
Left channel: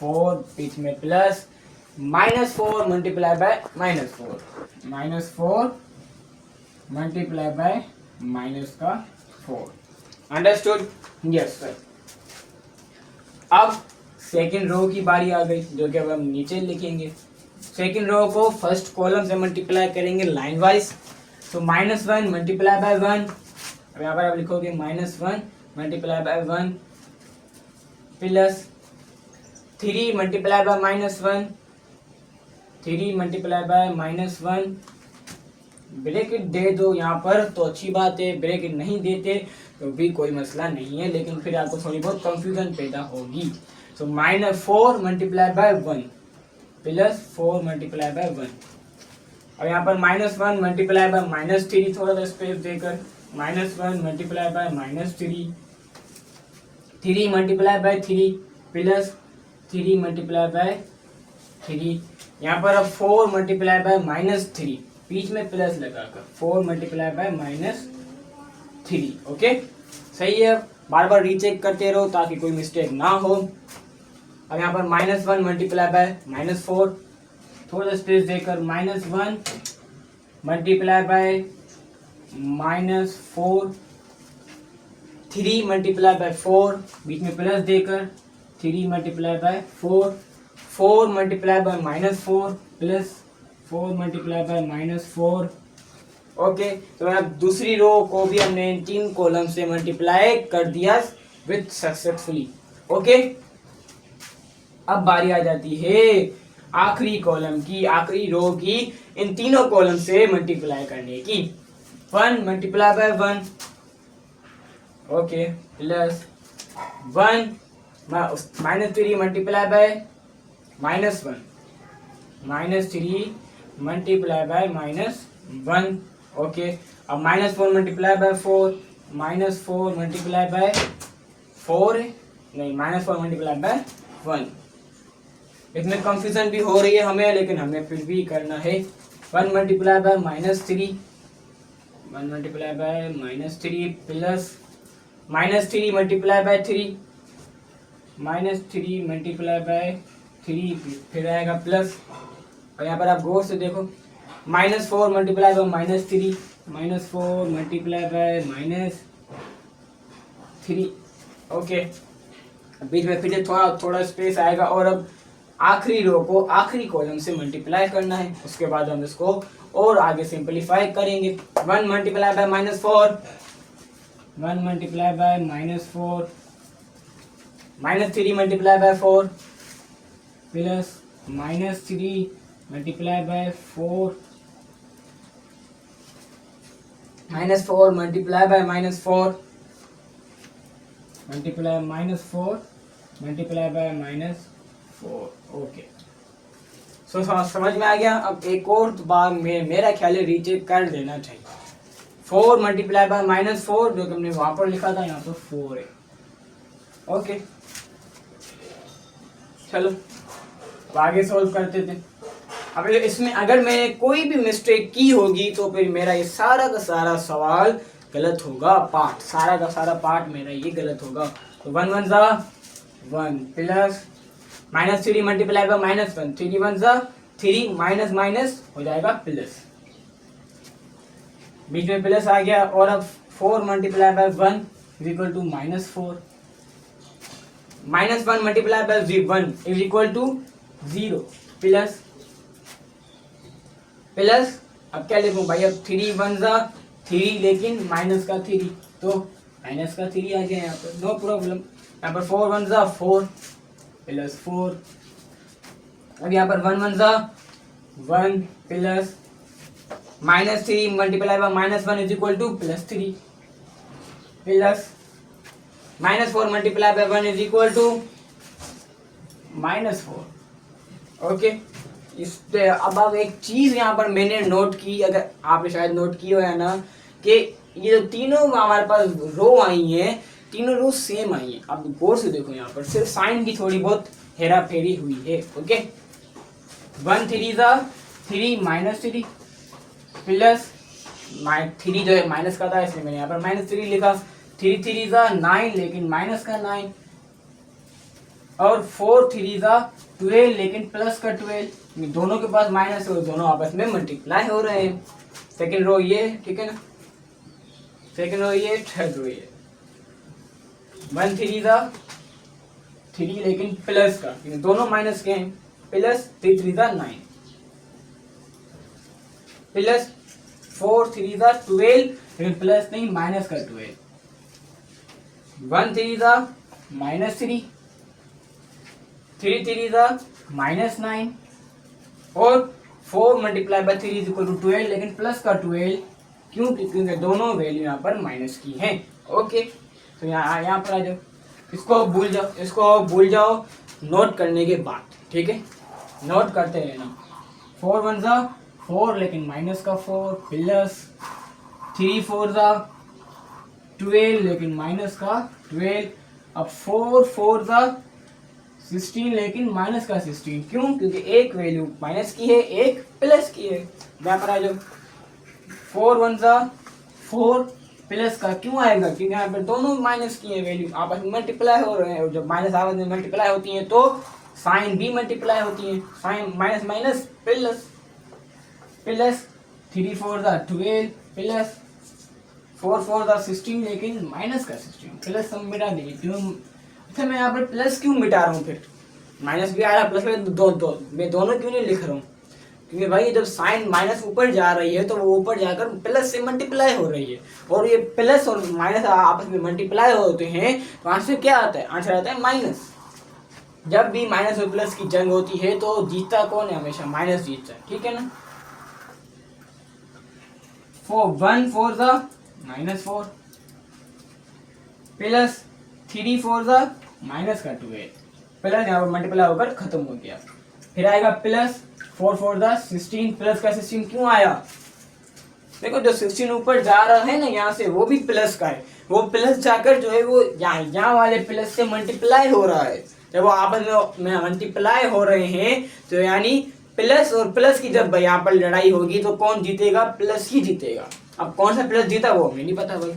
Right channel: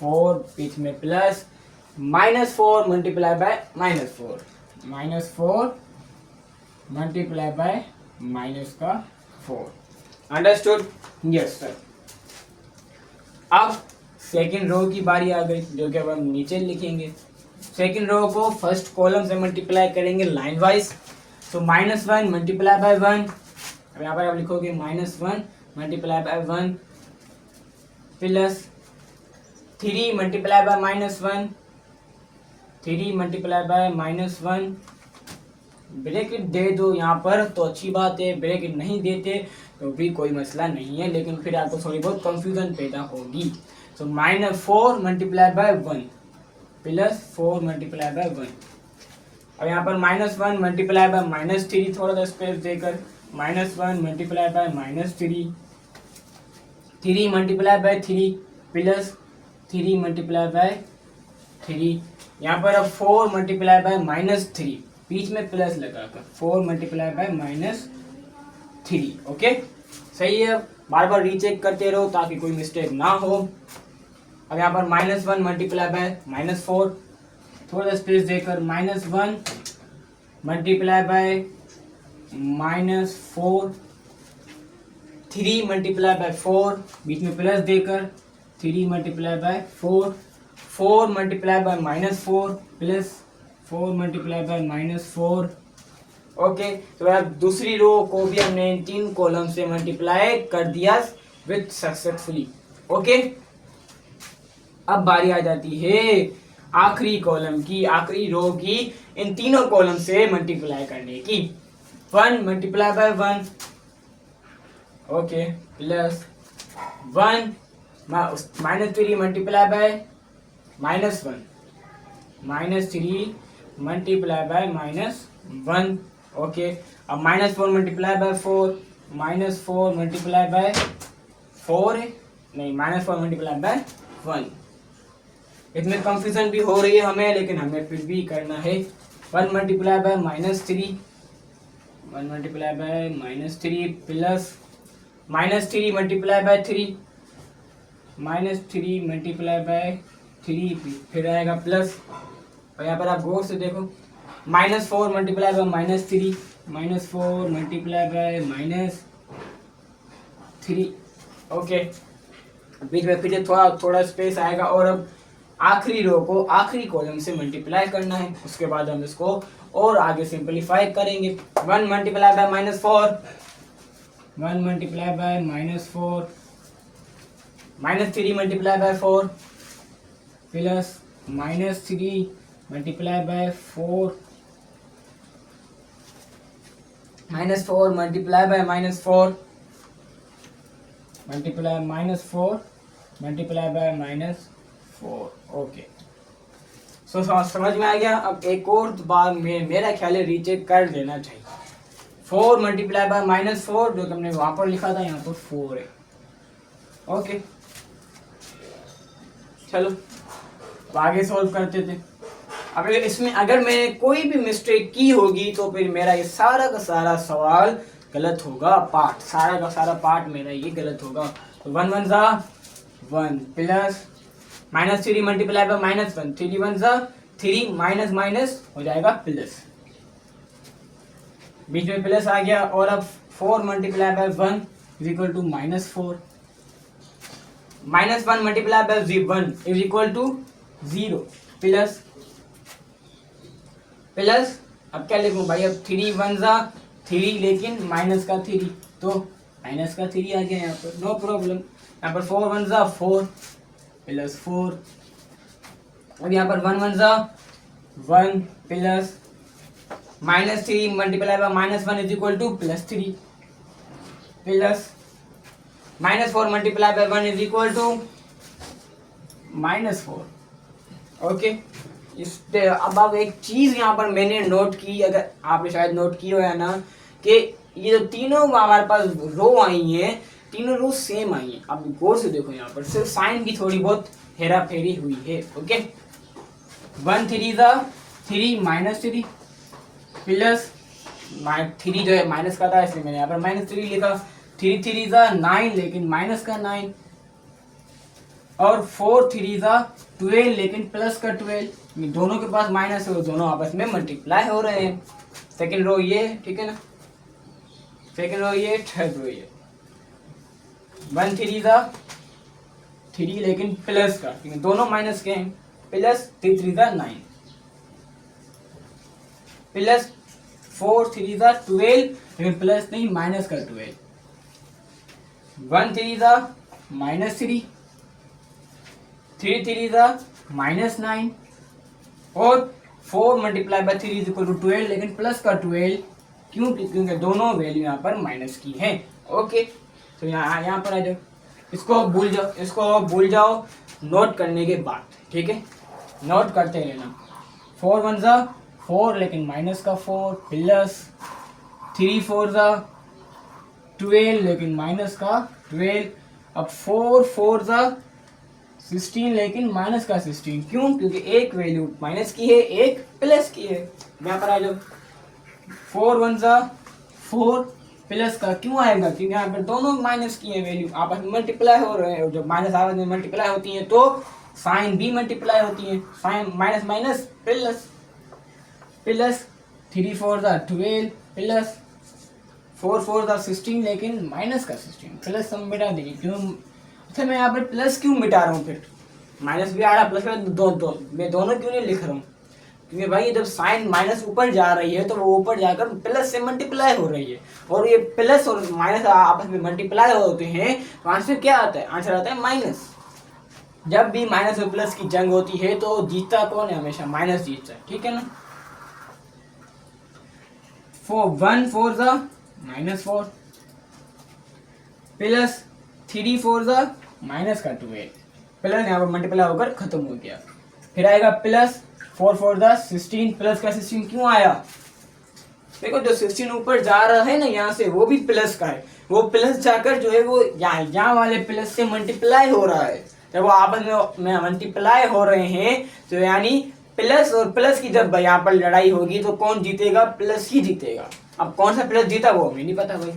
4 बीच में plus -4 multiply by -4 -4 multiply by -4। Understood? Yes sir. अब सेकेंड रो की बारी आ गई, जो कि अब हम नीचे लिखेंगे। सेकेंड रो को फर्स्ट कॉलम से मल्टीप्लाई करेंगे लाइन वाइज। तो -1 मल्टीप्लाई बाय 1, अब यहाँ पर आप लिखोगे -1 multiply by 1 plus 3 multiply by -1 3 multiply by -1। Bracket दे दो यहाँ पर तो अच्छी बात है, ब्रैकेट नहीं देते तो भी कोई मसला नहीं है, लेकिन फिर आपको थोड़ी बहुत कंफ्यूजन पैदा होगी। सो -4 multiply by 1 plus 4 multiply by 1। अब यहाँ पर -1 मल्टीप्लाई बाय -3, थोड़ा सा स्पेस देकर -1 multiply by -3, 3 multiply by 3 plus 3 multiply by 3। यहाँ पर अब 4 मल्टीप्लाई बाय -3, बीच में प्लस लगाकर 4 मल्टीप्लाई बाय -3। ओके, सही है। बार बार रीचेक करते रहो ताकि कोई मिस्टेक ना हो। अब यहाँ पर -1 मल्टीप्लाई बाय -4, थोड़ा स्पेस देकर -1 मल्टीप्लाई बाय -4, 3 मल्टीप्लाई बाय 4, बीच में प्लस देकर 3 multiply by 4, 4 multiply by -4 plus 4 multiply by -4। Okay, तो अब दूसरी रो को भी हमने इन 3 कॉलम से मल्टीप्लाई कर दिया विथ सक्सेसफुली। ओके, अब बारी आ जाती है आखिरी कॉलम की, आखिरी रो की, इन तीनों कॉलम से मल्टीप्लाई करने की। 1 multiply by 1, okay, plus 1 -3 multiply by -1, -3 multiply by -1। Okay, अब -4 मल्टीप्लाई बाय 4, -4 मल्टीप्लाई बाय 4 नहीं, -4 मल्टीप्लाई बाय 1। इसमें कंफ्यूजन भी हो रही है हमें, लेकिन हमें फिर भी करना है। 1 multiply by -3, 1 multiply by -3 plus -3 multiply by 3, -3 multiply by 3, फिर आएगा प्लस। और यहाँ पर आप गौर से देखो, -4 multiply by -3, -4 multiply by -3। Okay, बीच में फिर थोड़ा स्पेस आएगा। और अब आखिरी रो को आखिरी कॉलम से मल्टीप्लाई करना है, उसके बाद हम इसको और आगे सिंपलीफाई करेंगे। 1 multiply by -4, 1 multiply by -4, -3 multiply by 4 plus -3 multiply by 4, -4 multiply by -4 multiply -4 multiply by -4। Okay, so समझ में आ गया। अब एक और बार में मेरा ख्याल है रीचेक कर देना चाहिए। 4 मल्टीप्लाई बाय -4, जो तुमने वहां पर लिखा था, यहाँ पर 4 है। ओके, चलो अब आगे सॉल्व करते थे। अब इसमें अगर मैंने कोई भी मिस्टेक की होगी तो फिर मेरा ये सारा का सारा सवाल गलत होगा, पार्ट सारा का सारा पार्ट मेरा ये गलत होगा। तो 1 1 जा 1 प्लस -3 मल्टीप्लाई बाय -1, 3 1 जा 3, माइनस माइनस हो जाएगा प्लस, बीच में प्लस आ गया। और अब 4 multiply by 1 is equal to -4, -1 multiply by 1 is equal to 0 plus plus. अब क्या लिखूं भाई, अब 3 1 जा 3, लेकिन माइनस का 3, तो माइनस का 3 आ गया यहाँ पर, नो प्रॉब्लम। यहाँ पर 4 1 जा 4 प्लस 4। अब यहाँ पर 1 1 जा 1 plus -3 multiply by -1 is equal to +3 plus -4 multiply by 1 is equal to -4। Okay, इस पे अब एक चीज यहाँ पर मैंने नोट की, अगर आपने शायद नोट की हो या ना, कि ये जो तीनों हमारे पास रो आई हैं, तीनों रो सेम आई हैं। अब गौर से देखो, यहाँ पर सिर्फ साइन की थोड़ी बहुत हेरा फेरी हुई है। ओके, 1 3 जा 3 -3 प्लस 3 जो है माइनस का था, इसलिए मैंने यहाँ पर -3 लिखा। 3 3 जा 9, लेकिन माइनस का 9, और 4 3 जा 12, लेकिन प्लस का 12। दोनों के पास माइनस है, दोनों आपस में मल्टीप्लाई हो रहे हैं। सेकंड रो ये, ठीक है ना, सेकंड रो ये, थर्ड रो ये। 1 3 जा 3, लेकिन प्लस का, दोनों माइनस के हैं, प्लस 3 3 जा 9 प्लस 4 3 जा 12, लेकिन प्लस नहीं, माइनस का 12। 1 3 जा -3, 3 3 जा -9, और 4 multiply by 3 is equal to 12, लेकिन प्लस का 12, क्यों? क्योंकि दोनों वैल्यू यहाँ पर माइनस की है। ओके, तो यहाँ पर आ जाओ, इसको भूल जाओ, इसको भूल जाओ नोट करने के बाद, ठीक है। नोट करते रहना। 4 वन ज़ा 4 लेकिन माइनस का 4 प्लस 3 4 ज़ा 12 लेकिन माइनस का 12। अब 4 4 ज़ा 16 लेकिन माइनस का 16। क्यों? क्योंकि एक वैल्यू माइनस की है, एक प्लस की है। यहाँ पर आ जाओ। 4 वन ज़ा 4 प्लस का क्यों आएगा? क्योंकि यहाँ पर दोनों माइनस की है वैल्यू, आपस में मल्टीप्लाई हो रहे हैं। जब माइनस आपस में मल्टीप्लाई होती है तो साइन भी मल्टीप्लाई होती है। Sign minus minus plus plus 3 4 ज़ा 12 प्लस 4 4 ज़ा 16 लेकिन माइनस का 16 प्लस सब मिटा दीजिए। क्यों? अच्छा मैं यहाँ पर प्लस क्यों मिटा रहा हूँ? फिर माइनस भी आ रहा है प्लस में मैं दोनों क्यों नहीं लिख रहा हूँ? क्योंकि भाई जब साइन माइनस ऊपर जा रही है तो वो ऊपर जाकर प्लस से मल्टीप्लाई हो रही है, और ये प्लस और माइनस आपस में मल्टीप्लाई होते हैं तो आंसर क्या आता है? आंसर आता है माइनस। जब भी माइनस और प्लस की जंग होती है तो जीतता कौन है? हमेशा माइनस जीतता है, ठीक है ना। 1 4 ज़ा माइनस 4 प्लस 3 4 ज़ा माइनस का 12 प्लस यहाँ पर मल्टीप्लाई होकर खत्म हो गया। फिर आएगा प्लस 4 4 ज़ा 16 प्लस का 16 क्यों आया? देखो जो 16 ऊपर जा रहा है ना यहाँ से, वो भी प्लस का है। वो प्लस जाकर जो है वो यहाँ वाले प्लस से मल्टीप्लाई हो रहा है। जब वो आपस में मल्टीप्लाई हो रहे हैं तो यानी प्लस और प्लस की जब यहाँ पर लड़ाई होगी तो कौन जीतेगा? प्लस ही जीतेगा। अब कौन सा प्लस जीता वो हमें नहीं पता भाई,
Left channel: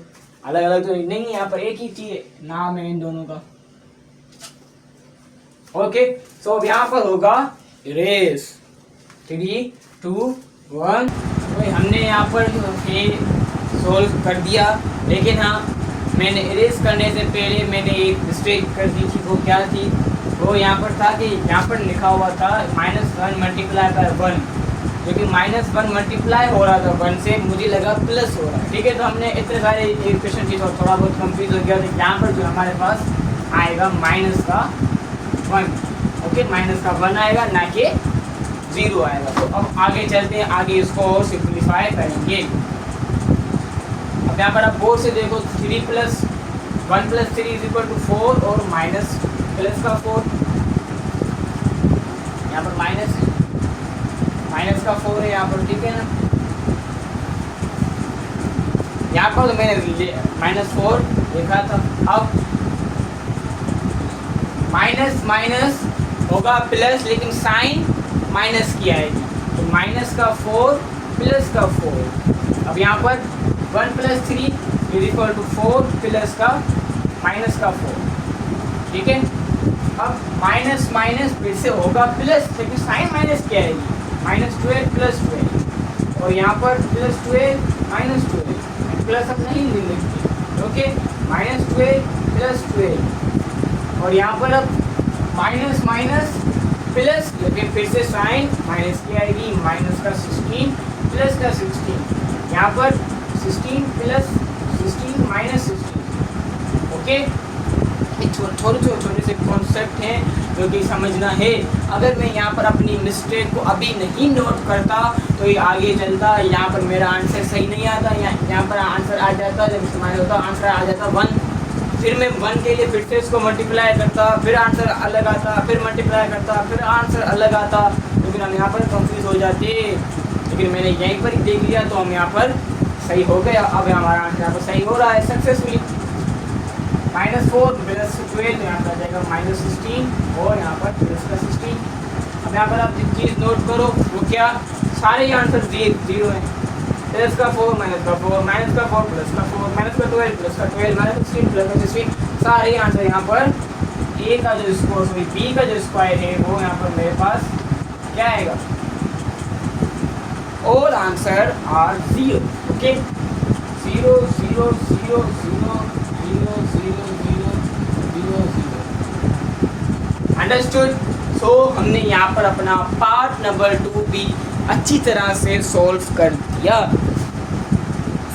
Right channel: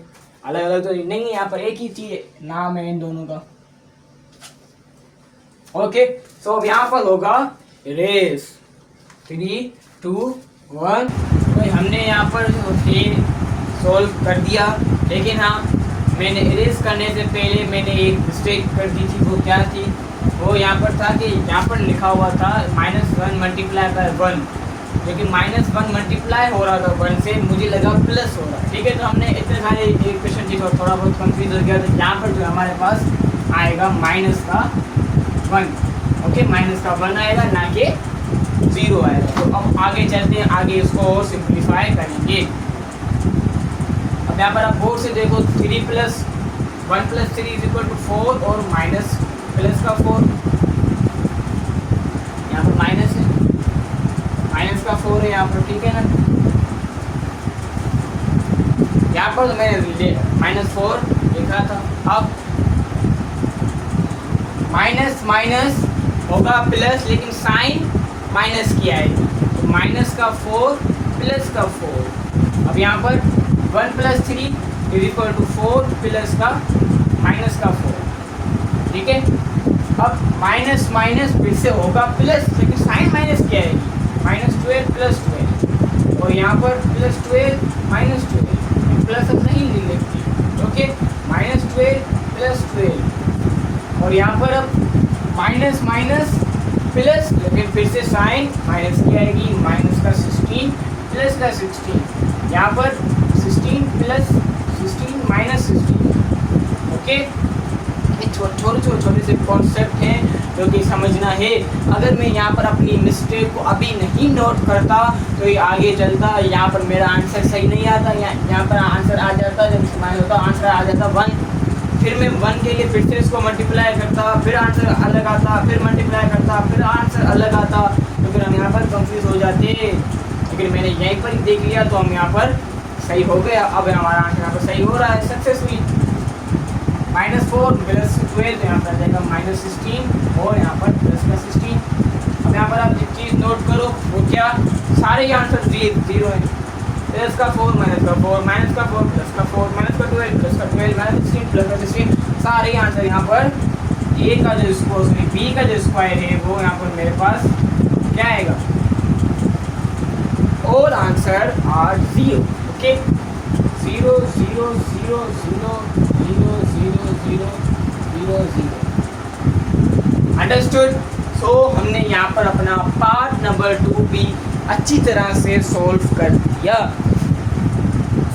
अलग अलग तो नहीं है, यहाँ पर एक ही चीज नाम है इन दोनों का। ओके सो अब यहाँ पर होगा रेस 3 2 1। तो हमने यहाँ पर सोल्व कर दिया, लेकिन हाँ मैंने इरेज करने से पहले मैंने एक मिस्टेक कर दी थी। वो क्या थी? वो यहाँ पर था कि यहाँ पर लिखा हुआ था -1 मल्टीप्लाई बाय 1, क्योंकि -1 मल्टीप्लाई हो रहा था 1 से, मुझे लगा प्लस हो रहा। ठीक है, तो हमने इतने सारे क्वेश्चन थी और थोड़ा बहुत कंफ्यूज हो गया। तो यहाँ पर जो हमारे पास आएगा माइनस का 1। ओके, माइनस का 1 आएगा, ना कि 0 आएगा। तो अब आगे चलते हैं, आगे इसको और सिंप्लीफाई करेंगे। अब यहाँ पर आप बोर्ड से देखो 3 + 1 + 3 = 4 और माइनस प्लस का 4, यहाँ पर माइनस है, माइनस का 4 है यहाँ पर। ठीक है ना, यहाँ पर तो मैंने -4 लिखा था। अब माइनस माइनस होगा प्लस, लेकिन साइन माइनस की आएगी, तो माइनस का 4 प्लस का 4। अब यहाँ पर 1 + 3 = 4 प्लस का माइनस का 4। ठीक है, अब माइनस माइनस फिर से होगा प्लस, लेकिन साइन माइनस क्या आएगी? -12 + 12, और यहाँ पर +12 -12 प्लस अब नहीं लिखती। ओके, -12 + 12, और यहाँ पर अब माइनस माइनस प्लस, लेकिन फिर से साइन माइनस की आएगी, माइनस का 16 प्लस का 16, यहाँ पर 16 + 16 -16। ओके, छोटे से कॉन्सेप्ट हैं जो कि समझना है। अगर मैं यहाँ पर अपनी मिस्टेक को अभी नहीं नोट करता तो ये आगे चलता, यहाँ पर मेरा आंसर सही नहीं आता, यहाँ पर आंसर आ जाता, जब इस्तेमाल होता आंसर आ जाता 1, फिर मैं 1 के लिए फिर से इसको मल्टीप्लाई करता, फिर आंसर अलग आता, फिर मल्टीप्लाई करता, फिर आंसर अलग आता, तो फिर हम यहाँ पर कंफ्यूज हो जाते। लेकिन मैंने यहीं पर ही देख लिया तो हम यहाँ पर सही हो गया। अब हमारा आंसर यहाँ पर सही हो रहा है सक्सेसफुली। -4 + 12, यहाँ पर आ जाएगा -16, और यहाँ पर प्लस का 16। अब यहाँ पर आप एक चीज़ नोट करो, वो क्या? सारे आंसर 0 हैं। प्लस का 4 माइनस का 4 माइनस का 4 प्लस का 4 माइनस का 12 प्लस का 12 -16 प्लस का 16, सारे आंसर यहाँ पर ए का जो स्क्वायर, बी का जो स्क्वायर है वो यहाँ पर मेरे पास क्या आएगा? All answer are 0। Okay, 0 0 0 0 0 0 0 0 0। Understood? So हमने यहाँ पर अपना पार्ट नंबर 2 भी अच्छी तरह से सॉल्व कर दिया।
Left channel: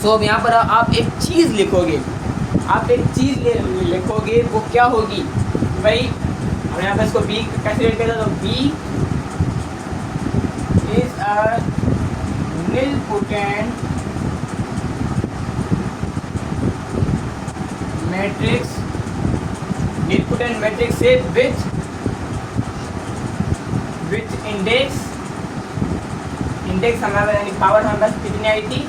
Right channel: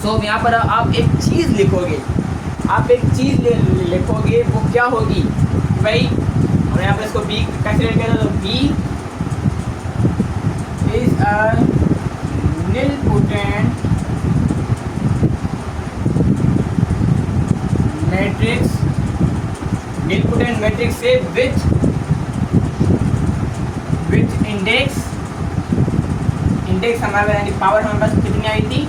सो यहाँ पर आप एक चीज़ लिखोगे, आप एक चीज़ लिखोगे, वो क्या होगी भाई? हम यहाँ पर इसको बी कैसे करें, तो B is a nilpotent matrix, nilpotent matrix से विच इंडेक्स हमारे यानी पावर हमारे पास कितनी आई थी,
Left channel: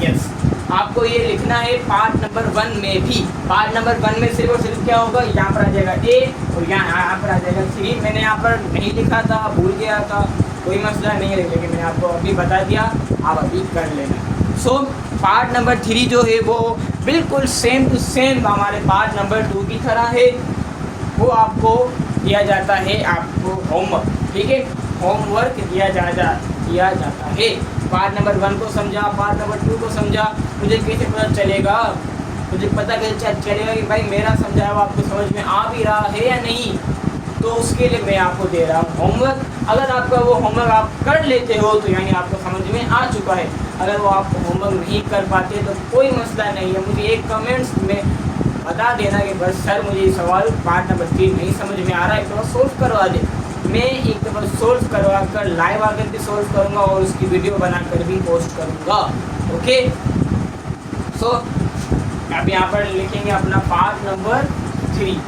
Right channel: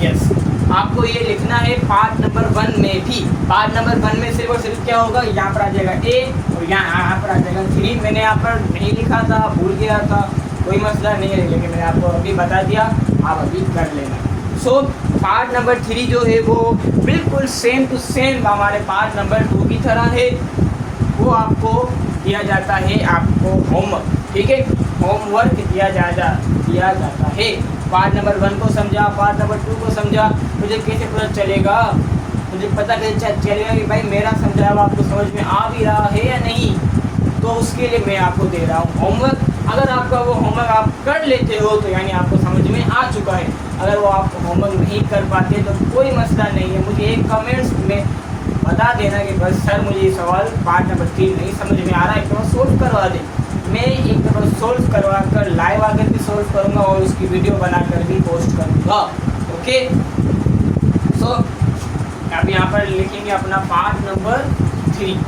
यस। आपको ये लिखना है पार्ट नंबर 1 में भी। पार्ट नंबर 1 में सिर्फ और सिर्फ क्या होगा, यहाँ पर आ जाएगा ए और यहाँ पर आ जाएगा 3। मैंने यहाँ पर नहीं लिखा था, भूल गया था, कोई मसला नहीं है, लेकिन मैंने आपको अभी बता दिया, आप अभी कर लेना। सो पार्ट नंबर 3 जो है वो बिल्कुल सेम टू सेम हमारे पार्ट नंबर 2 की तरह है। वो आपको दिया जाता है, आपको होमवर्क, ठीक है, होमवर्क दिया जाता है। पार्ट नंबर 1 को समझा, पार्ट नंबर 2 को समझा, मुझे कैसे पता चलेगा, मुझे पता कैसे चलेगा कि भाई मेरा समझाया हुआ आपको समझ में आ भी रहा है या नहीं। तो उसके लिए मैं आपको दे रहा हूँ होमवर्क। अगर आपका वो होमवर्क आप कर लेते हो तो यानी आपको समझ में आ चुका है। अगर वो आप होमवर्क नहीं कर पाते तो कोई मसला नहीं है, मुझे एक कमेंट्स में बता देना कि बस सर मुझे ये सवाल पार्ट नंबर 3 नहीं समझ में आ रहा है, एक दफ़ा सोल्व करवा दे। मैं एक दफ़ा सोल्व करवा कर लाइव आकर भी सोल्व करूँगा और उसकी वीडियो बनाकर भी पोस्ट करूँगा। ओके, सो अब यहाँ पर लिखेंगे अपना part number 3।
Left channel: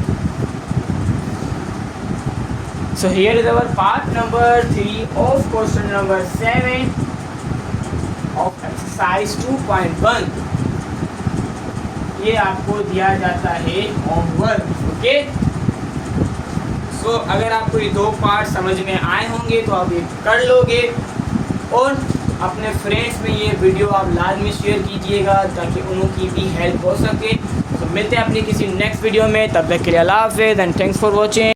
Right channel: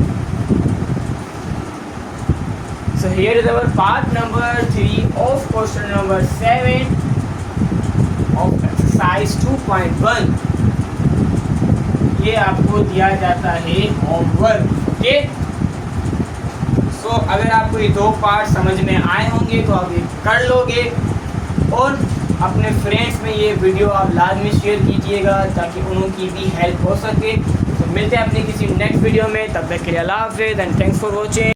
So here is our part number 3 of question number 7 of exercise 2.1। ये आपको दिया जाता है होमवर्क। ओके, सो अगर आपको ये 2 पार्ट समझ में आए होंगे तो आप ये कर लोगे और अपने फ्रेंड्स में ये वीडियो आप लाजमी शेयर कीजिएगा ताकि उनकी भी हेल्प हो सके। तो मिलते हैं अपनी किसी नेक्स्ट वीडियो में, तब तक के लिए अल्लाह हाफ़िज़ एंड थैंक्स फॉर वॉचिंग।